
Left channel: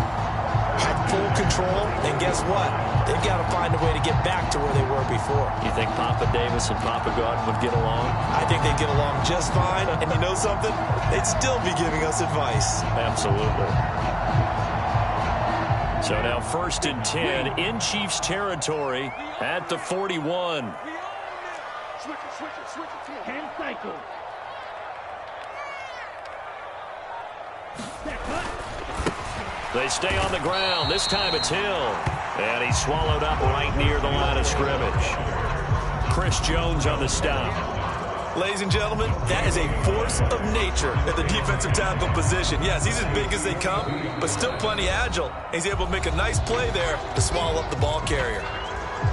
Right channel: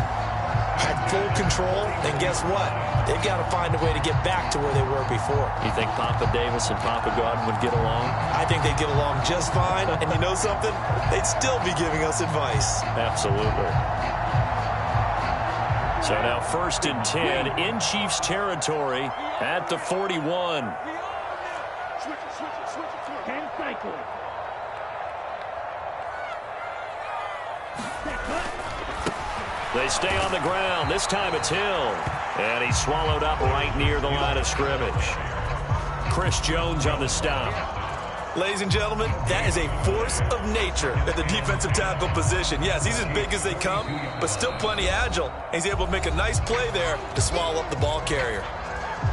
had full control, and guess what? They've got to find a way to get back to where they were before. You think Papa Davis and Papa Godwin would get along? I think they'd get along just fine, and you know something? They'd still be giving us advice. Absolutely. So now 1st and 10 in Chiefs territory at the 41. Switch it. 10 cycles. They stay on the ground. This time it's Hill. And he's swallowed up right near the line of scrimmage. Chris Jones on the stop. Ladies and gentlemen, that is a force of nature at the defensive tackle position. Yes, he's as big as they come, but still plenty agile. He's able to make a nice play there to swallow up the ball carrier.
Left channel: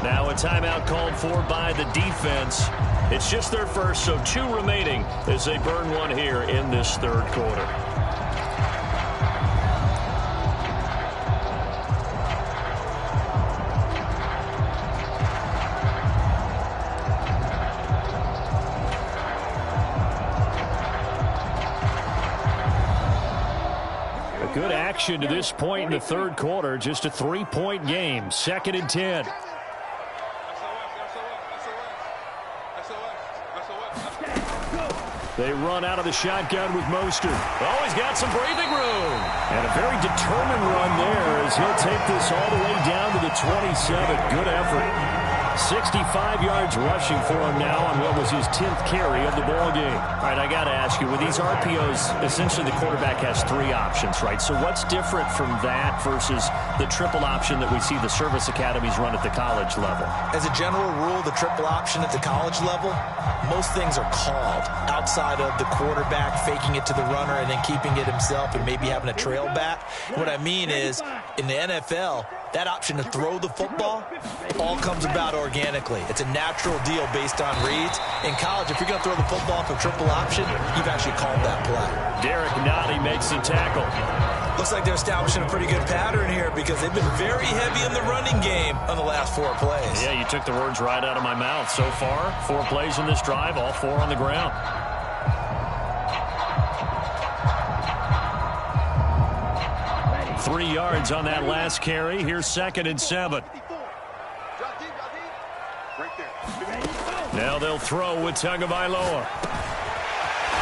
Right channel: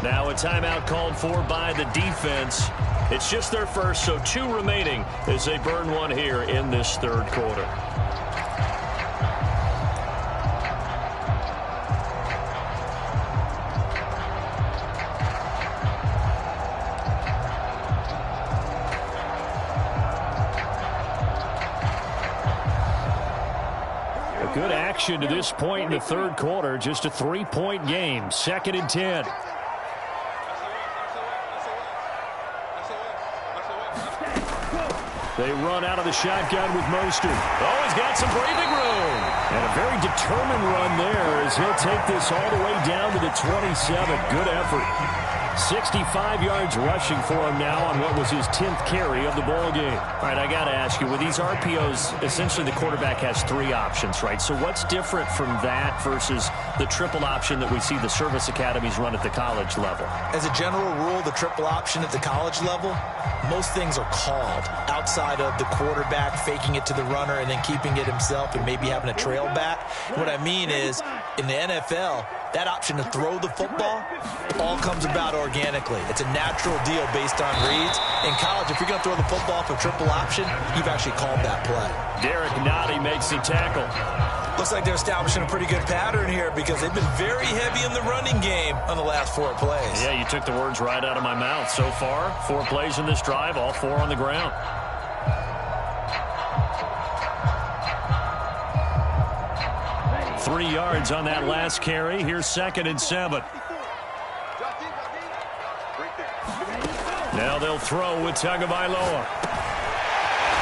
Now a timeout called for by the defense. It's just their first, so 2 remaining as they burn one here in this third quarter. Good action to this point in the third quarter. Just a 3-point game. 2nd and 10. They run out of the shotgun with Mostert. Oh, he's got some breathing room. And a very determined run there as he'll take this all the way down to the 27. Good effort. 65 yards rushing for him now on what was his 10th carry of the ball game. All right, I got to ask you, with these RPOs, essentially the quarterback has 3 options, right? So what's different from that versus the triple option that we see the service academies run at the college level? As a general rule, the triple option at the college level, most things are called outside of the quarterback faking it to the runner and then keeping it himself and maybe having a trail back. What I mean is, in the NFL, that option to throw the football all comes about organically. It's a natural deal based on reads. In college, if you're going to throw the football off a triple option, you've actually called that play. Derek Nottie makes the tackle. Looks like they're establishing a pretty good pattern here because they've been very heavy in the running game on the last 4 plays. Yeah, you took the words right out of my mouth. So far, 4 plays in this drive, all 4 on the ground. Ready. 3 yards on that last carry. Here's 2nd and 7. Now they'll throw with Tagovailoa.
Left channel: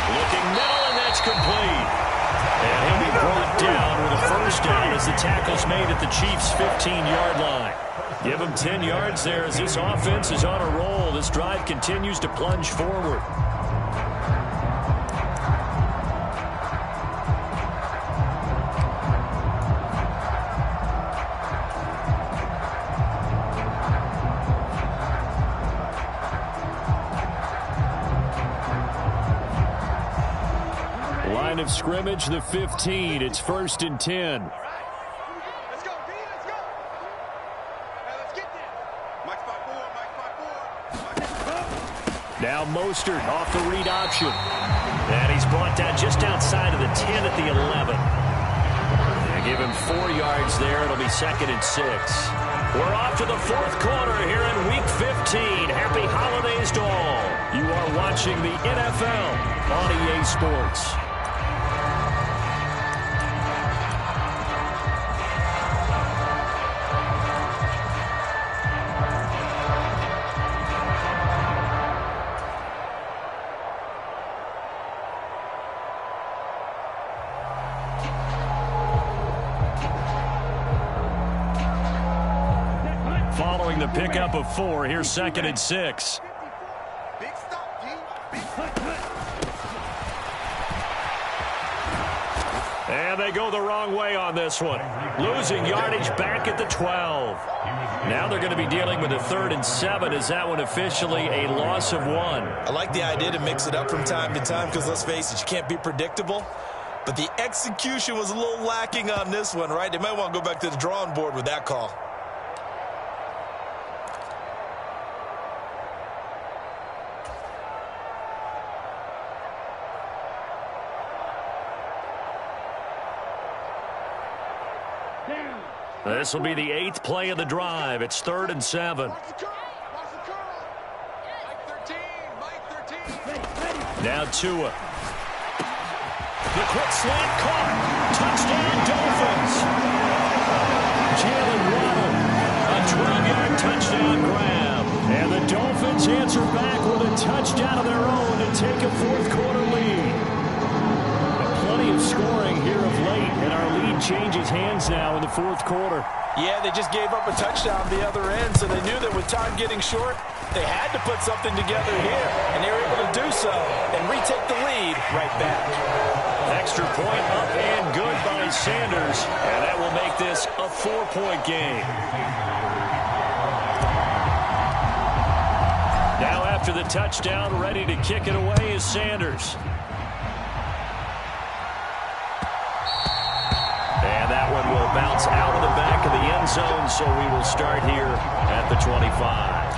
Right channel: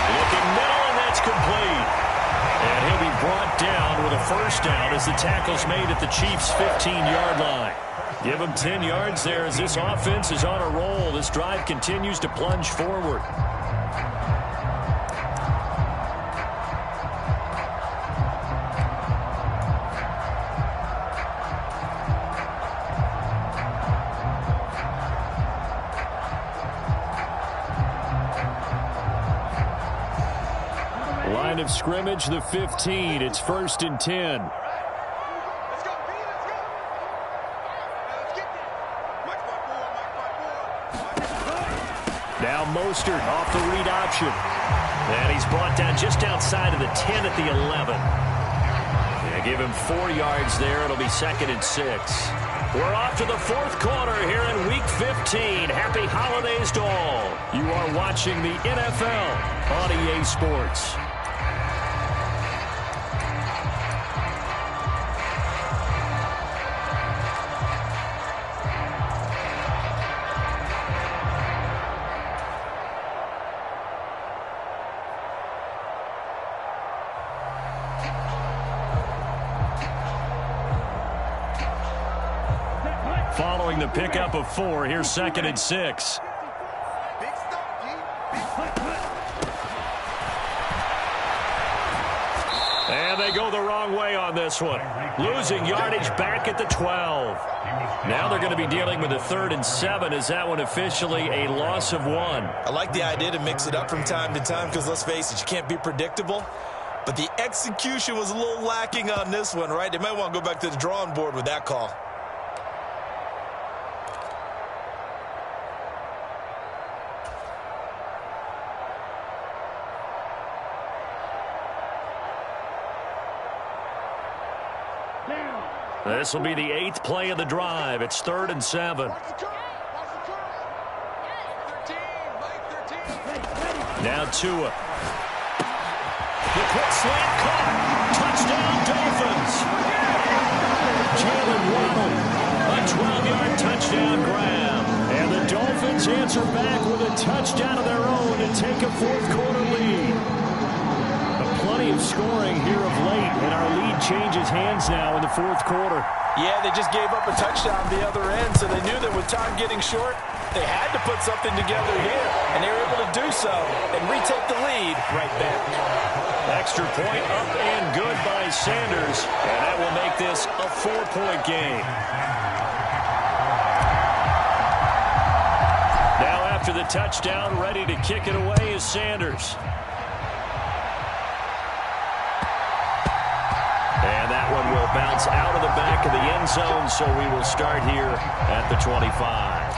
Looking middle, and that's complete. And he'll be brought down with a first down as the tackle's made at the Chiefs' 15-yard line. Give him 10 yards there as this offense is on a roll. This drive continues to plunge forward. Line of scrimmage, the 15. It's 1st and 10. Let's go, D, let's go. Now let's get there. Mike 5-4, Mike 5-4. Now Mostert off the read option. And he's brought down just outside of the 10 at the 11. Yeah, give him 4 yards there. It'll be 2nd and 6. We're off to the 4th quarter here in Week 15. Happy holidays to all. You are watching the NFL on EA Sports. Following the pickup of 4, here's 2nd and 6. Big stop, D. Big And they go the wrong way on this one. Losing yardage back at the 12. Now they're going to be dealing with a 3rd and 7. Is that one officially a loss of 1? I like the idea to mix it up from time to time because, let's face it, you can't be predictable. But the execution was a little lacking on this one, right? They might want to go back to the drawing board with that call. This will be the 8th play of the drive. It's 3rd and 7. Watch the curl. Watch the curl. Mike 13. Mike 13. Now Tua. The quick slant caught. Touchdown Dolphins. Jalen Waddle. A 12-yard touchdown grab. And the Dolphins answer back with a touchdown of their own to take a 4th quarter lead. Plenty of scoring here of late, and our lead changes hands now in the 4th quarter. Yeah, they just gave up a touchdown the other end, so they knew that with time getting short, they had to put something together here, and they were able to do so and retake the lead right back. Extra point up and good by Sanders, and that will make this a 4-point game. Now after the touchdown, ready to kick it away is Sanders. And that one will bounce out of the back of the end zone, so we will start here at the 25.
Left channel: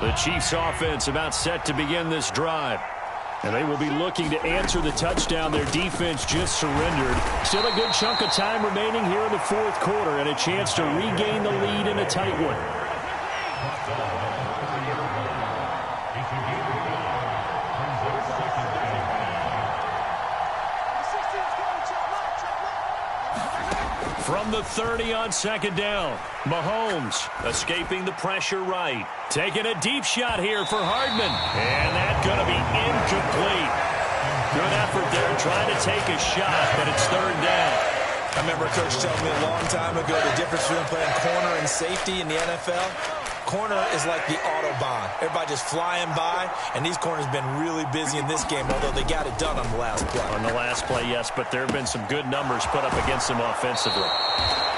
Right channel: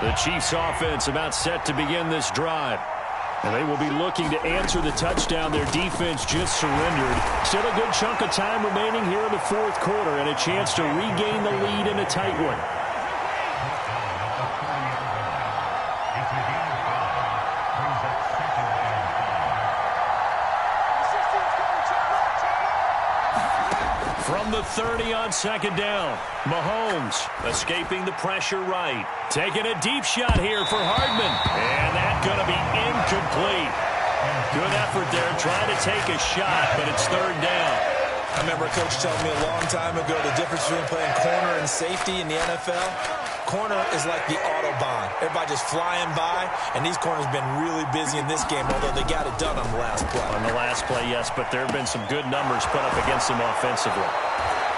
The Chiefs offense about set to begin this drive. And they will be looking to answer the touchdown their defense just surrendered. Still a good chunk of time remaining here in the fourth quarter and a chance to regain the lead in a tight one. From the 30 on second down, Mahomes escaping the pressure right. Taking a deep shot here for Hardman. And that's going to be incomplete. Good effort there trying to take a shot, but it's third down. I remember a coach telling me a long time ago the difference between playing corner and safety in the NFL. Corner is like the Autobahn. Everybody just flying by, and these corners have been really busy in this game, although they got it done on the last play. On the last play, yes, but there have been some good numbers put up against him offensively.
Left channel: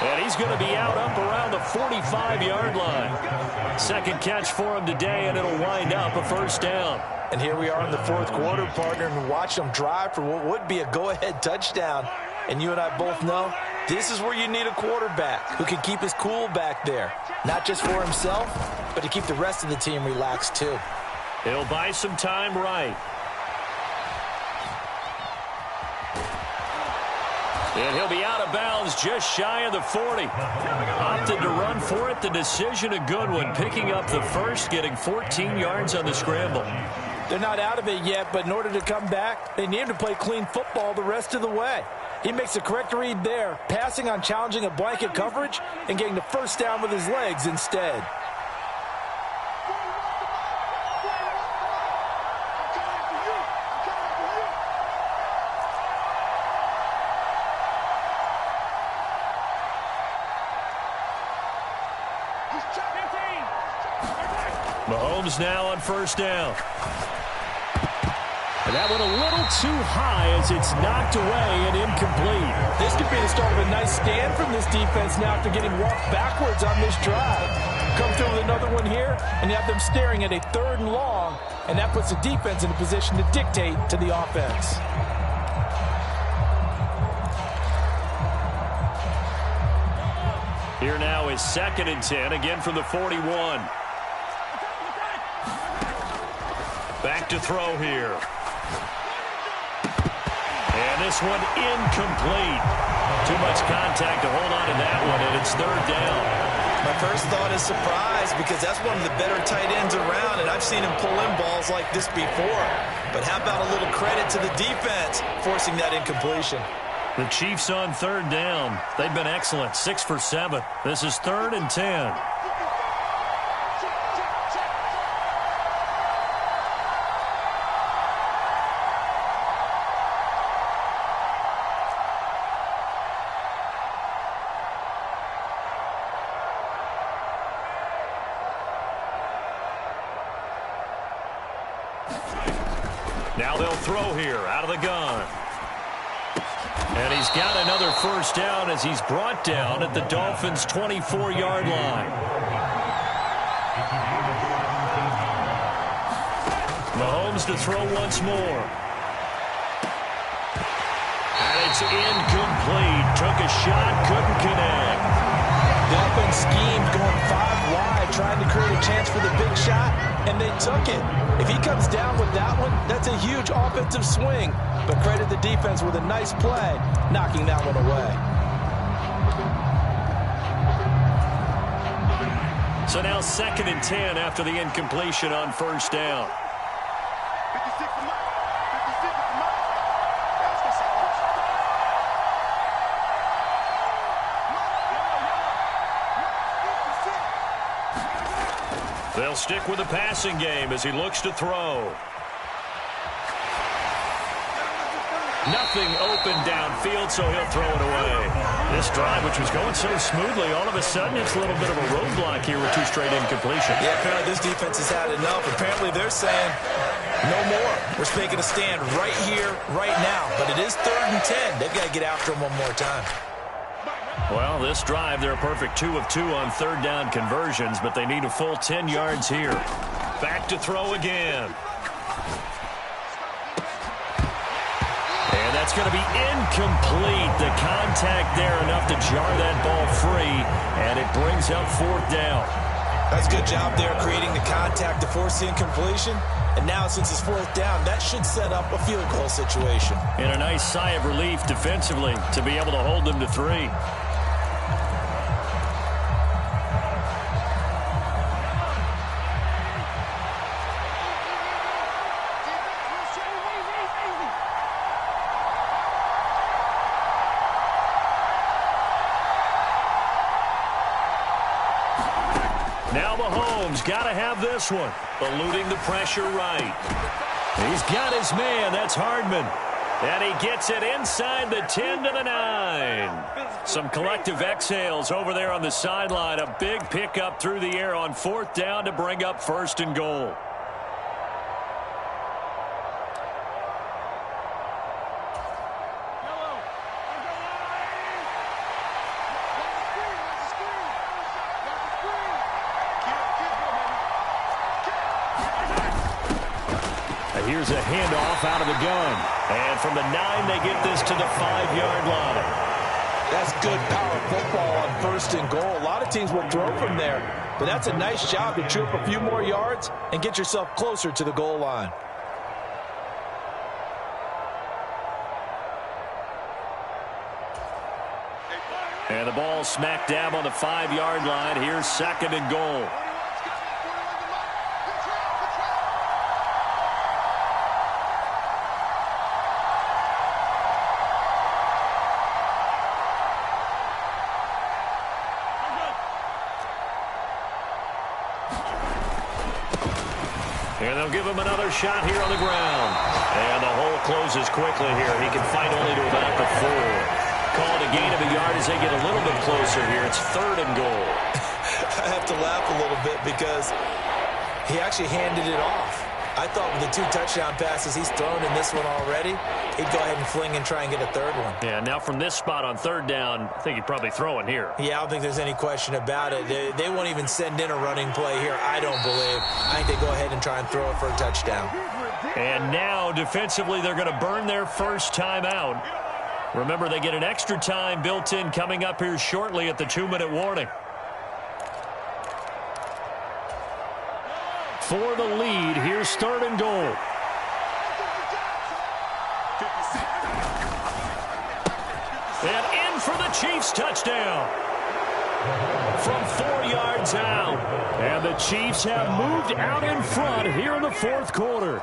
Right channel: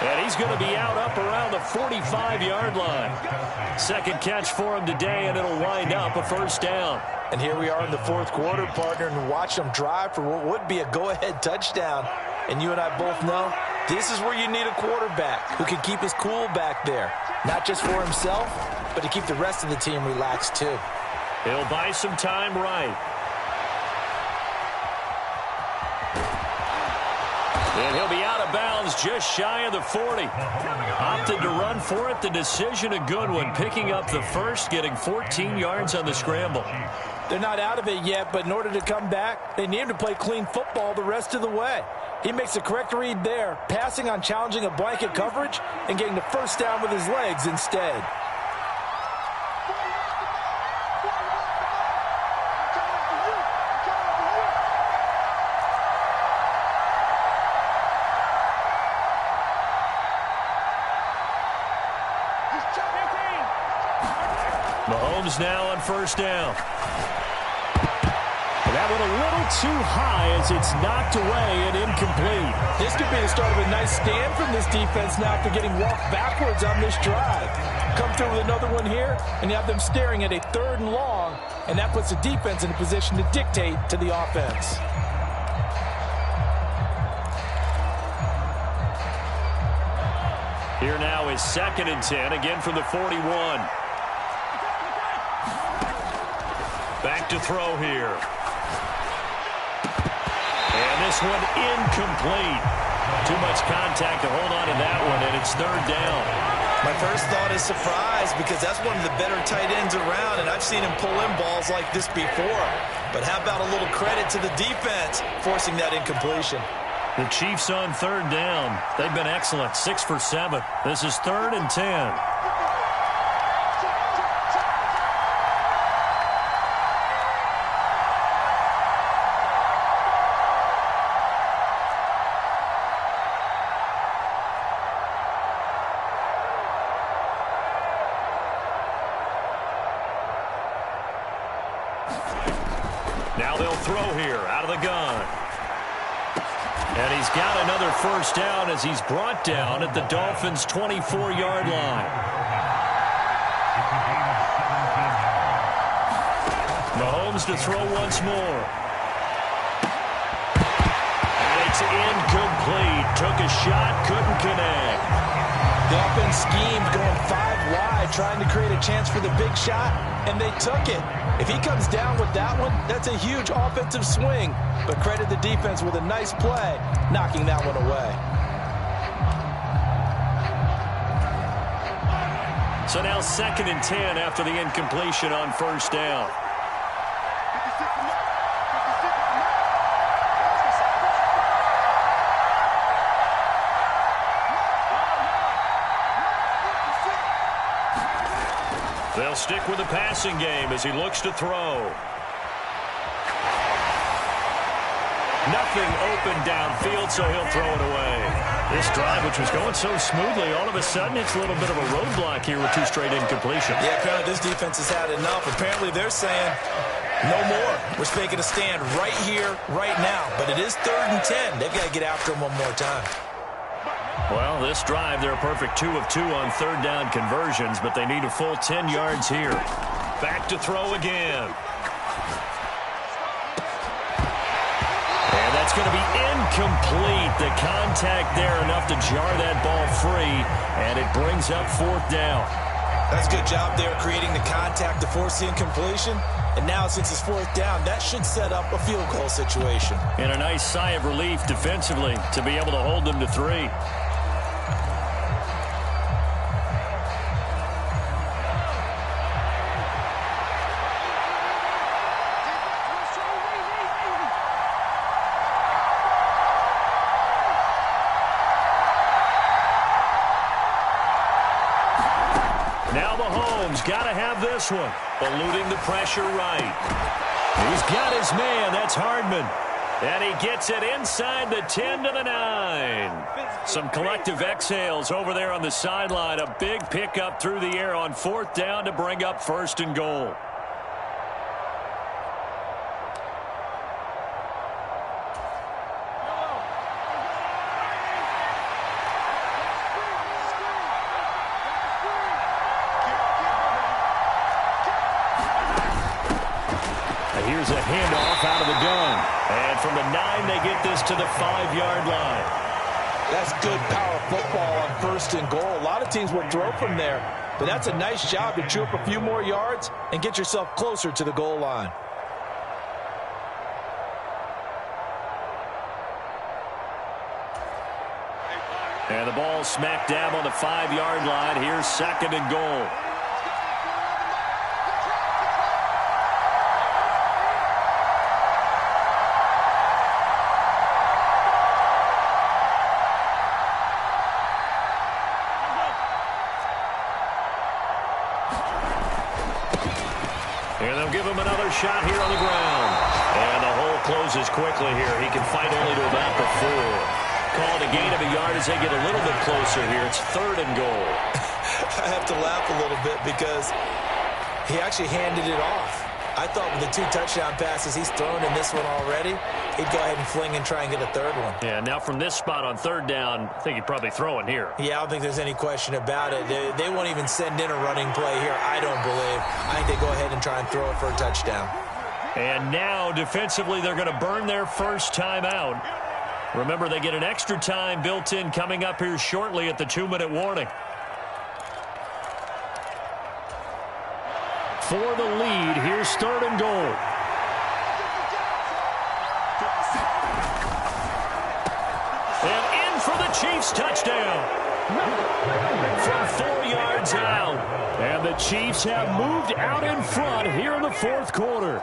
And he's going to be out up around the 45-yard line. Second catch for him today, and it'll wind up a first down. And here we are in the fourth quarter, partner, and watch them drive for what would be a go-ahead touchdown. And you and I both know this is where you need a quarterback who can keep his cool back there. Not just for himself, but to keep the rest of the team relaxed too. He'll buy some time right. And he'll be out of bounds just shy of the 40. Opted to run for it. The decision a good one. Picking up the first, getting 14 yards on the scramble. They're not out of it yet, but in order to come back, they need him to play clean football the rest of the way. He makes the correct read there, passing on challenging a blanket coverage and getting the first down with his legs instead. Mahomes now on first down. And that one a little too high as it's knocked away and incomplete. This could be the start of a nice stand from this defense now after getting walked backwards on this drive. Come through with another one here, and you have them staring at a 3rd and long, and that puts the defense in a position to dictate to the offense. Here now is 2nd and 10, again from the 41. Back to throw here. And this one incomplete. Too much contact to hold on to that one, and it's 3rd down. My first thought is surprise because that's one of the better tight ends around, and I've seen him pull in balls like this before. But how about a little credit to the defense forcing that incompletion? The Chiefs on 3rd down. They've been excellent, 6 for 7. This is 3rd and 10. Now they'll throw here out of the gun. And he's got another first down as he's brought down at the Dolphins' 24-yard line. Mahomes to throw once more. And it's incomplete. Took a shot, couldn't connect. The offense schemed going 5 wide, trying to create a chance for the big shot, and they took it. If he comes down with that one, that's a huge offensive swing. But credit the defense with a nice play, knocking that one away. So now 2nd and 10 after the incompletion on first down. 56 and up. 56 and up. They'll stick with the passing game as he looks to throw. Nothing open downfield, so he'll throw it away. This drive, which was going so smoothly, all of a sudden it's a little bit of a roadblock here with 2 straight incompletions. Yeah, apparently this defense has had enough. Apparently they're saying, no more. We're making a stand right here, right now. But it is 3rd and 10. They've got to get after him one more time. Well, this drive, they're a perfect 2 of 2 on third down conversions, but they need a full 10 yards here. Back to throw again. And that's going to be incomplete. The contact there enough to jar that ball free, and it brings up fourth down. That's a good job there creating the contact to force the incompletion. And now since it's fourth down, that should set up a field goal situation. And a nice sigh of relief defensively to be able to hold them to 3. Now Mahomes got to have this one. Eluding the pressure right. He's got his man. That's Hardman. And he gets it inside the 10 to the 9. Some collective exhales over there on the sideline. A big pickup through the air on fourth down to bring up first and goal. Here's a handoff out of the gun. And from the 9, they get this to the 5-yard line. That's good power football on first and goal. A lot of teams will throw from there, but that's a nice job to chew up a few more yards and get yourself closer to the goal line. And the ball smack dab on the 5-yard line. Here's second and goal. And they'll give him another shot here on the ground. And the hole closes quickly here. He can fight only to about the 4. Called a gain of a yard as they get a little bit closer here. It's third and goal. I have to laugh a little bit because he actually handed it off. I thought with the 2 touchdown passes he's thrown in this one already, he'd go ahead and fling and try and get a third one. Yeah, now from this spot on third down, I think he'd probably throw it here. Yeah, I don't think there's any question about it. They won't even send in a running play here, I don't believe. I think they go ahead and try and throw it for a touchdown. And now, defensively, they're going to burn their first time out. Remember, they get an extra time built in coming up here shortly at the 2-minute warning. For the lead, here's third and goal. And in for the Chiefs touchdown. From 4 yards out. And the Chiefs have moved out in front here in the fourth quarter.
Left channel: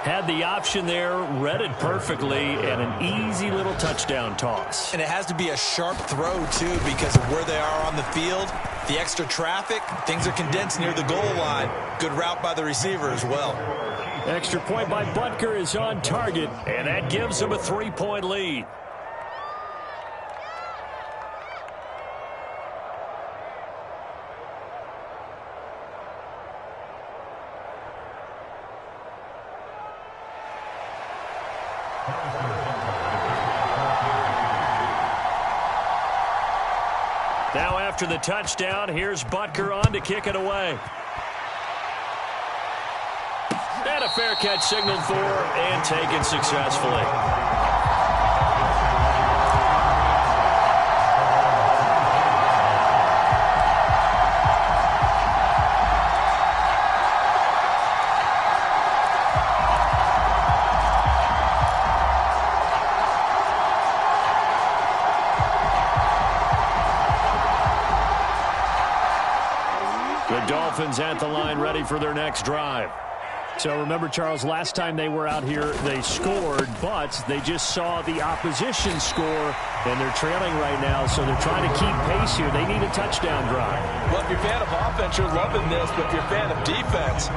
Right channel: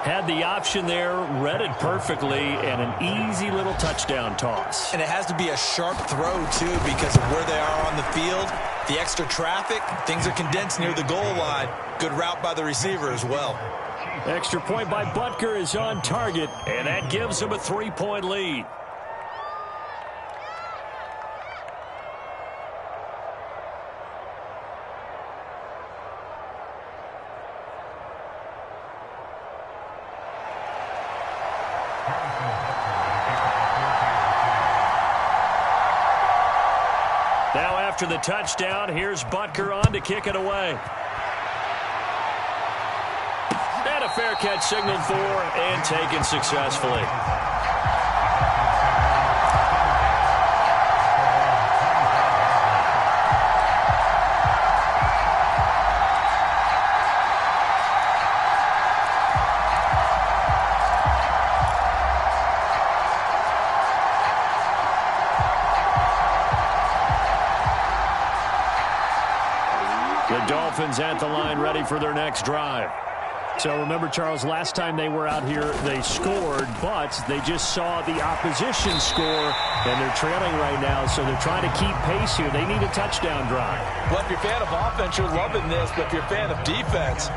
Had the option there, read it perfectly, and an easy little touchdown toss. And it has to be a sharp throw, too, because of where they are on the field. The extra traffic, things are condensed near the goal line. Good route by the receiver as well. Extra point by Butker is on target, and that gives him a 3-point lead. Now after the touchdown, here's Butker on to kick it away. And a fair catch signaled for and taken successfully. The Dolphins at the line ready for their next drive. So remember, Charles, last time they were out here, they scored, but they just saw the opposition score, and they're trailing right now, so they're trying to keep pace here. They need a touchdown drive. Well, if you're a fan of offense, you're loving this, but if you're a fan of defense,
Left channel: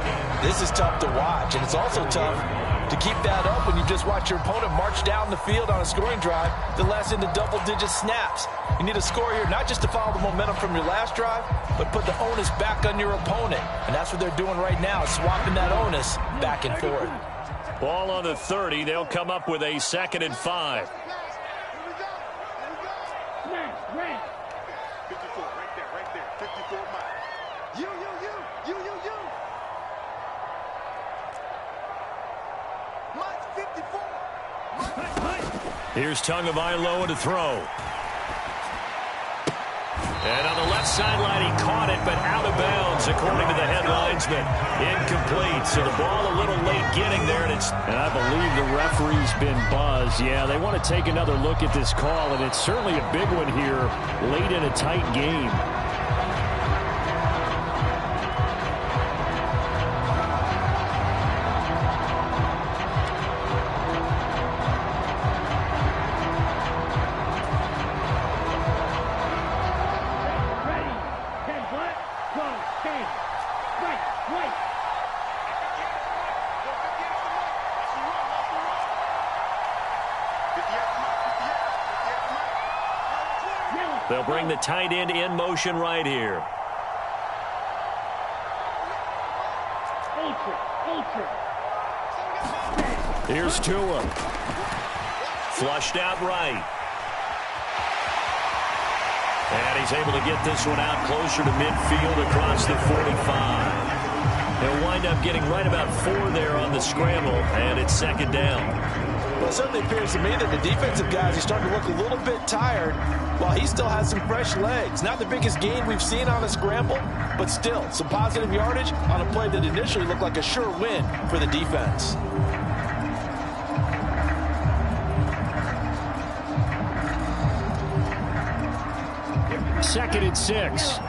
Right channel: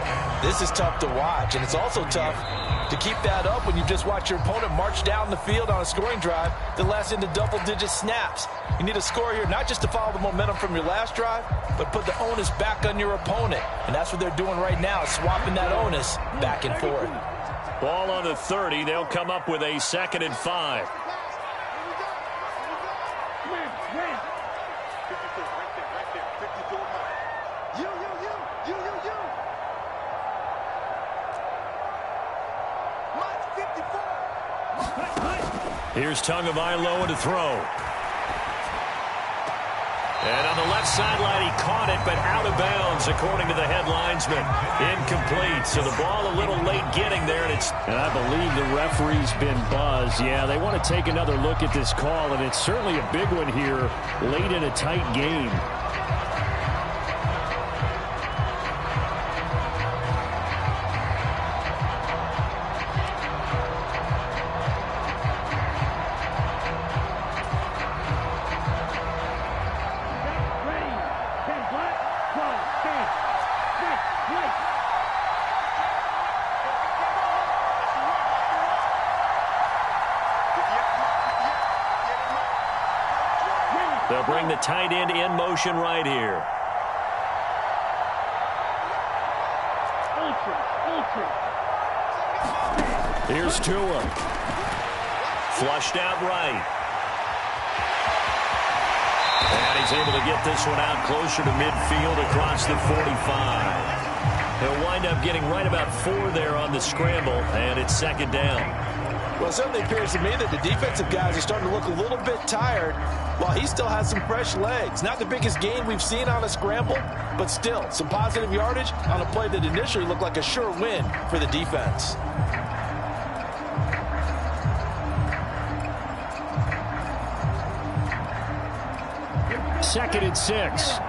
this is tough to watch, and it's also tough to keep that up when you just watch your opponent march down the field on a scoring drive that lasts into double-digit snaps. You need a score here, not just to follow the momentum from your last drive, but put the onus back on your opponent. And that's what they're doing right now, swapping that onus back and forth. Ball on the 30. They'll come up with a 2nd and 5. Red. 54, right there. 54, Mike. You. Mike's 54. Here's Tagovailoa to throw. And on the left sideline, he caught it, but out of bounds, according to the head linesman. Incomplete. So the ball a little late getting there, and I believe the referee's been buzzed. Yeah, they want to take another look at this call, and it's certainly a big one here late in a tight game. They'll bring the tight end in motion right here. Ultra. Here's Tua. Flushed out right. And he's able to get this one out closer to midfield across the 45. He'll wind up getting right about 4 there on the scramble, and it's second down. Well, it certainly appears to me that the defensive guys are starting to look a little bit tired while he still has some fresh legs. Not the biggest gain we've seen on a scramble, but still some positive yardage on a play that initially looked like a sure win for the defense. Second and 6.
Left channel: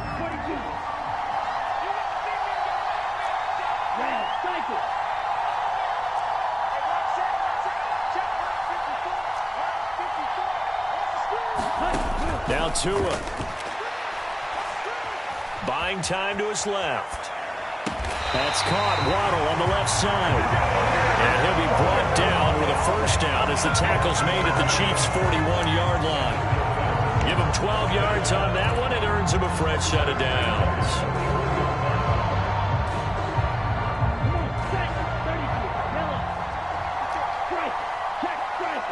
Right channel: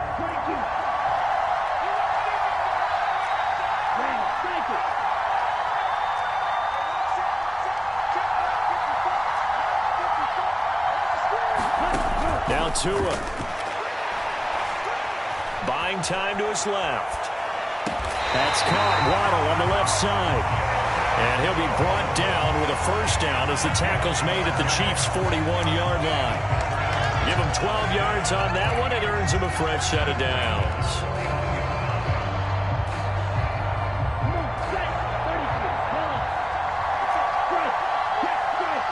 Now Tua. Buying time to his left. That's caught. Waddle on the left side. And he'll be brought down with a first down as the tackle's made at the Chiefs' 41-yard line. Give him 12 yards on that one. It earns him a fresh set of downs. Come on, set. 33. Yellow. Strike. Check. Strike.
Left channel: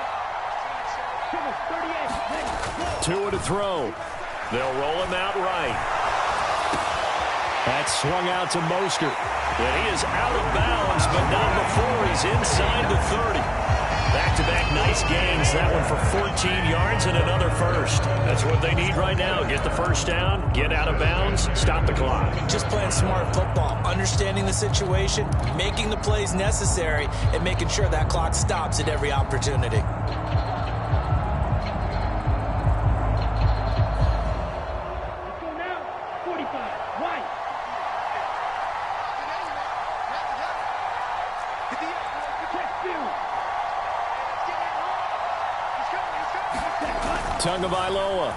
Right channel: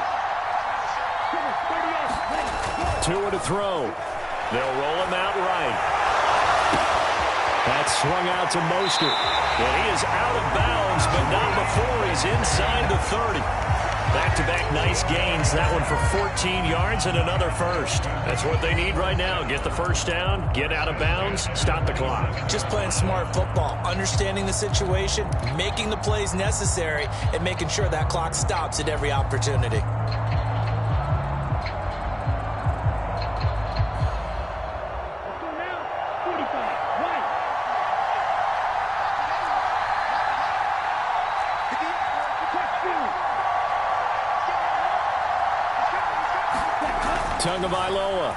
Come on, 38. Ready. Go. Tua to throw. They'll roll him out right. That's swung out to Mostert. And he is out of bounds, but not before he's inside the 30. Back-to-back nice gains. That one for 14 yards and another first. That's what they need right now. Get the first down, get out of bounds, stop the clock. Just playing smart football, understanding the situation, making the plays necessary, and making sure that clock stops at every opportunity. Let's go now. 45. Right. Check field. Tagovailoa.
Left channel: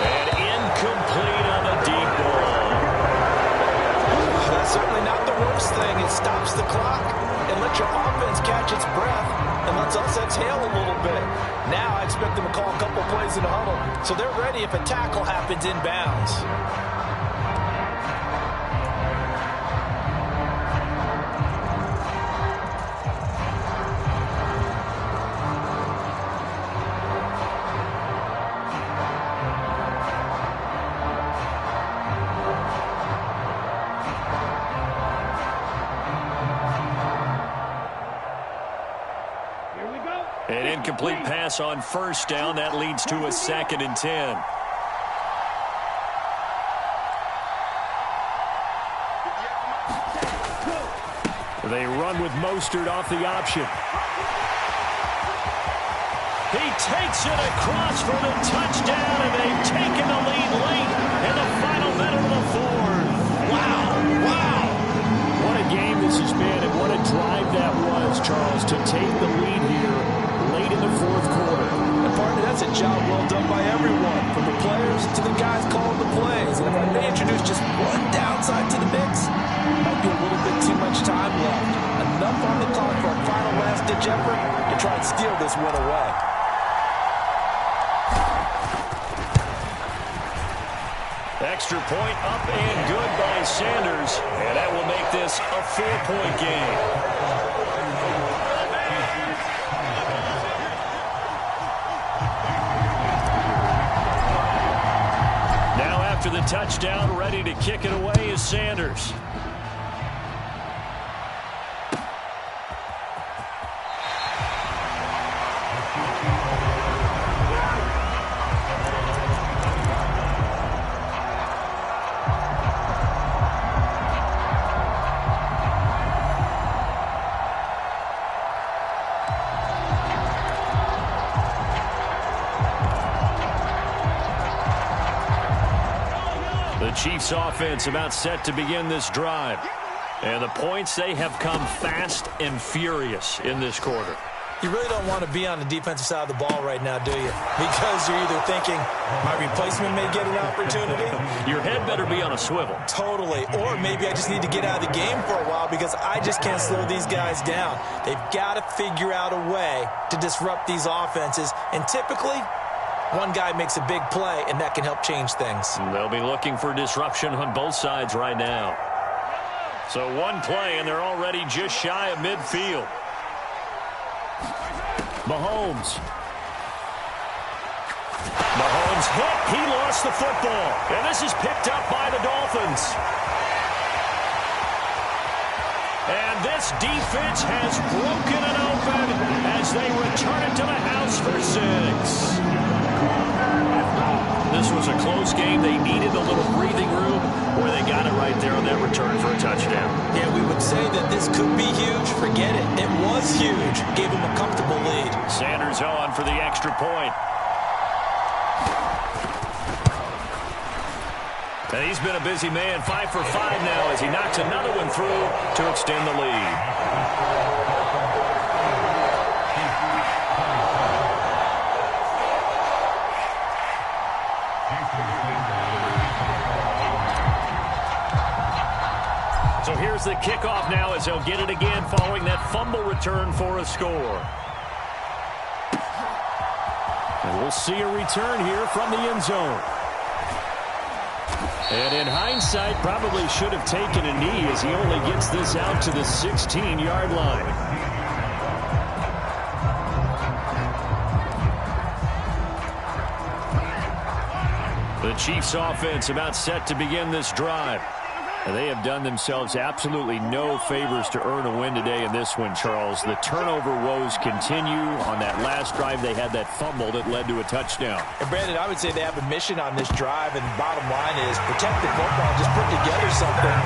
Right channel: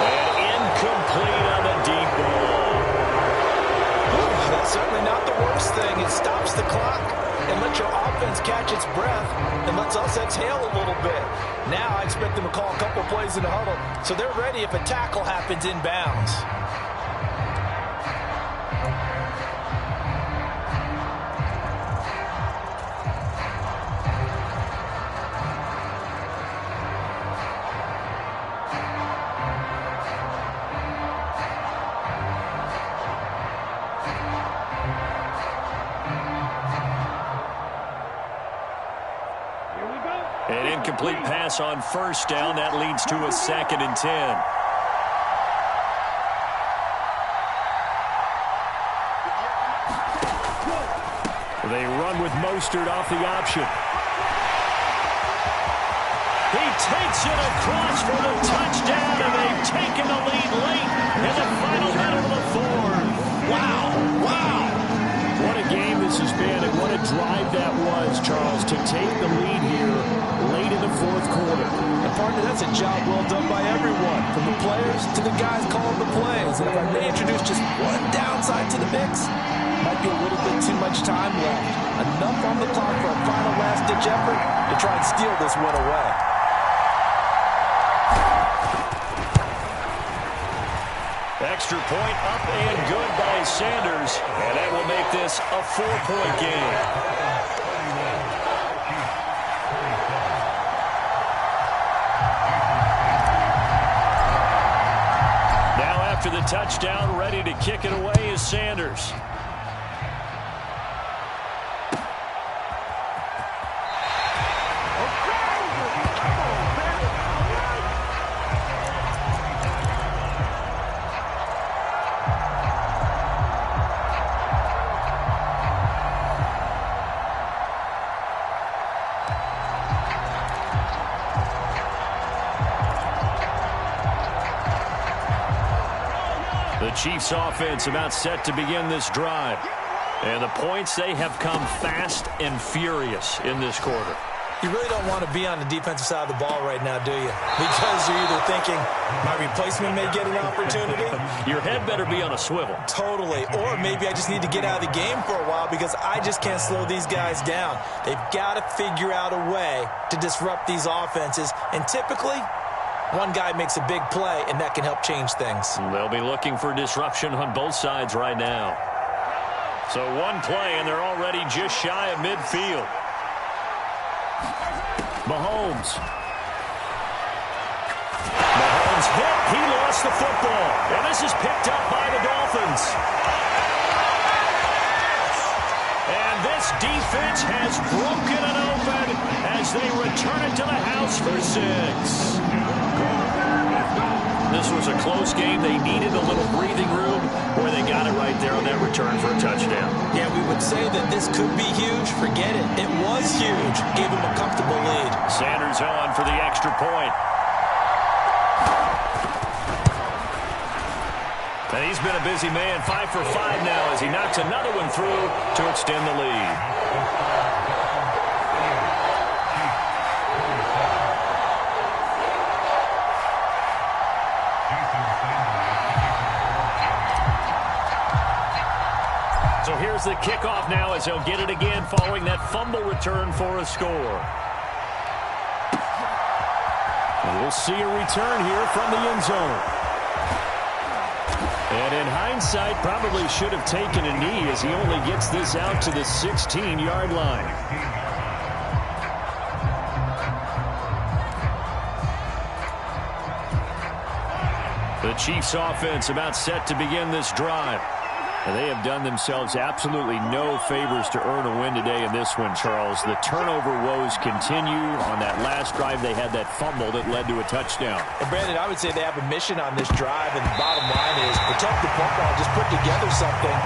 And incomplete on the deep ball. That's certainly not the worst thing. It stops the clock and lets your offense catch its breath and lets us exhale a little bit. Now I expect them to call a couple plays in the huddle so they're ready if a tackle happens inbounds. An incomplete pass on first down. That leads to a 2nd and 10. They run with Mostert off the option. He takes it across for the touchdown, and they've taken the lead late in the final minute of the 4th. Wow. What a game this has been, and what a drive that was, Charles, to take the lead here late in the 4th quarter. And partner, that's a job well done by everyone, from the players to the guys calling the plays. And if I may introduce just one downside to the mix, might be a little bit too much time left. Enough on the clock for a final last-ditch effort to try and steal this win away. Extra point up and good by Sanders, and that will make this a 4-point game. after the touchdown, ready to kick it away is Sanders. The Chiefs offense about set to begin this drive. And the points, they have come fast and furious in this quarter. You really don't want to be on the defensive side of the ball right now, do you? Because you're either thinking, my replacement may get an opportunity. Your head better be on a swivel. Totally. Or maybe I just need to get out of the game for a while because I just can't slow these guys down. They've got to figure out a way to disrupt these offenses. And typically, one guy makes a big play, and that can help change things. They'll be looking for disruption on both sides right now. So one play, and they're already just shy of midfield. Mahomes hit. He lost the football. And this is picked up by the Dolphins. And this defense has broken it open as they return it to the house for 6. This was a close game. They needed a little breathing room, where they got it right there on that return for a touchdown. Yeah, we would say that this could be huge. Forget it. It was huge. Gave them a comfortable lead. Sanders on for the extra point. And he's been a busy man, 5 for 5 now as he knocks another one through to extend the lead. So here's the kickoff now as they'll get it again following that fumble return for a score. And we'll see a return here from the end zone. And in hindsight, probably should have taken a knee as he only gets this out to the 16-yard line. The Chiefs offense about set to begin this drive. And they have done themselves absolutely no favors to earn a win today in this one, Charles. The turnover woes continue. On that last drive, they had that fumble that led to a touchdown. And, Brandon, I would say they have a mission on this drive, and the bottom line is protect the football. Just put together something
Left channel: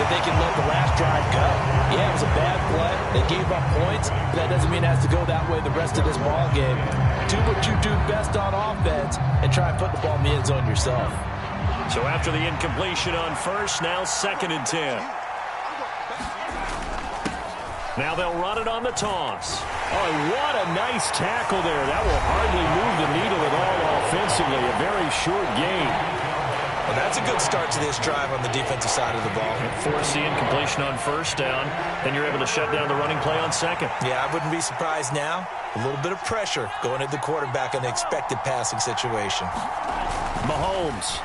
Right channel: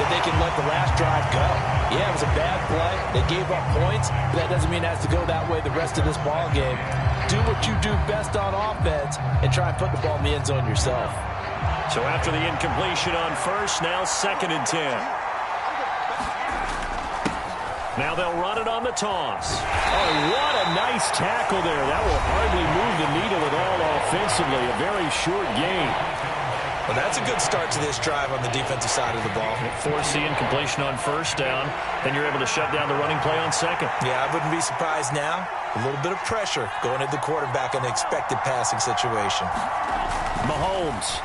that they can let the last drive go. Yeah, it was a bad play. They gave up points, but that doesn't mean it has to go that way the rest of this ball game. Do what you do best on offense and try and put the ball in the end zone yourself. So after the incompletion on first, now 2nd and 10. Now they'll run it on the toss. Oh, what a nice tackle there. That will hardly move the needle at all offensively. A very short gain. Well, that's a good start to this drive on the defensive side of the ball. Force the incompletion on first down, then you're able to shut down the running play on second. Yeah, I wouldn't be surprised now. A little bit of pressure going at the quarterback in the expected passing situation. Mahomes.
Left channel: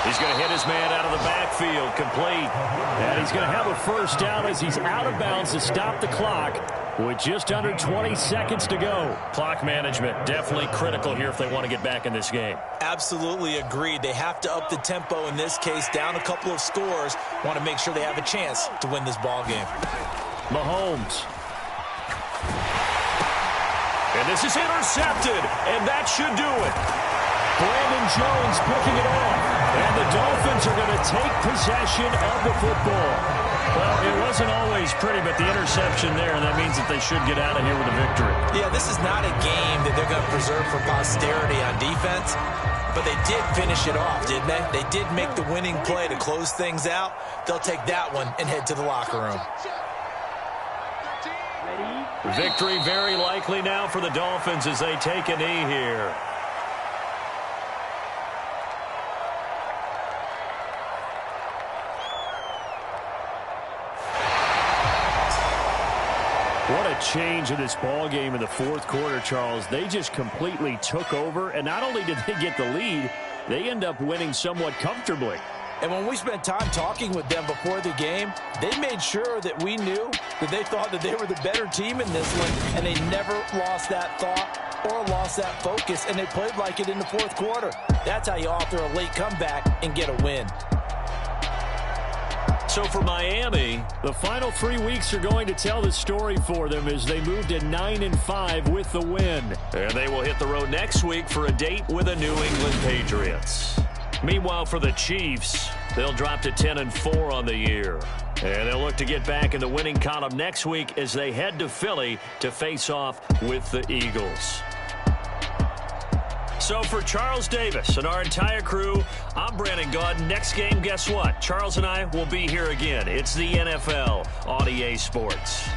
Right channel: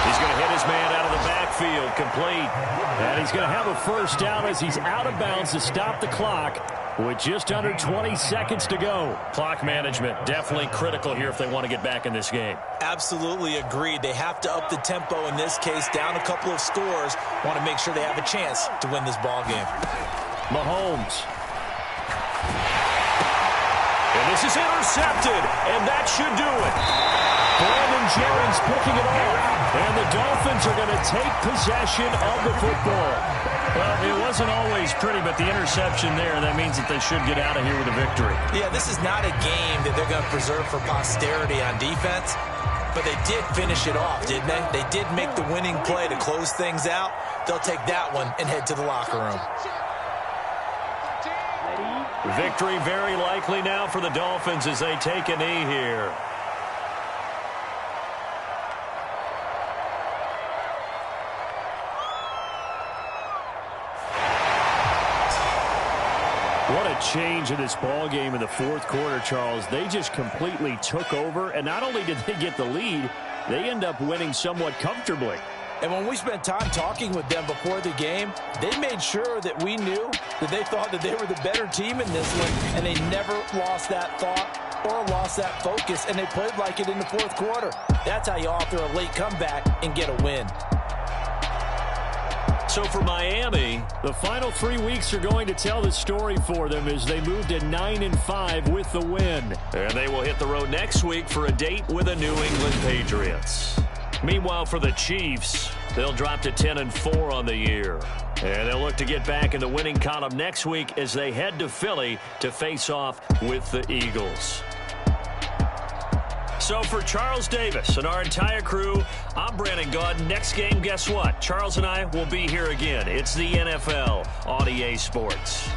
He's going to hit his man out of the backfield, complete. And he's going to have a first down as he's out of bounds to stop the clock with just under 20 seconds to go. Clock management definitely critical here if they want to get back in this game. Absolutely agreed. They have to up the tempo in this case, down a couple of scores. Want to make sure they have a chance to win this ball game. Mahomes. And this is intercepted, and that should do it. Brandon Jones picking it off. And the Dolphins are going to take possession of the football. Well, it wasn't always pretty, but the interception there, that means that they should get out of here with a victory. Yeah, this is not a game that they're going to preserve for posterity on defense, but they did finish it off, didn't they? They did make the winning play to close things out. They'll take that one and head to the locker room. Victory very likely now for the Dolphins as they take a knee here. What a change in this ball game in the fourth quarter, Charles. They just completely took over, and not only did they get the lead, they end up winning somewhat comfortably. And when we spent time talking with them before the game, they made sure that we knew that they thought that they were the better team in this one, and they never lost that thought or lost that focus, and they played like it in the fourth quarter. That's how you author a late comeback and get a win. So for Miami, the final 3 weeks are going to tell the story for them as they move to 9-5 with the win. And they will hit the road next week for a date with the New England Patriots. Meanwhile, for the Chiefs, they'll drop to 10-4 on the year. And they'll look to get back in the winning column next week as they head to Philly to face off with the Eagles. So for Charles Davis and our entire crew, I'm Brandon Gaudin. Next game, guess what? Charles and I will be here again. It's the NFL on EA Sports.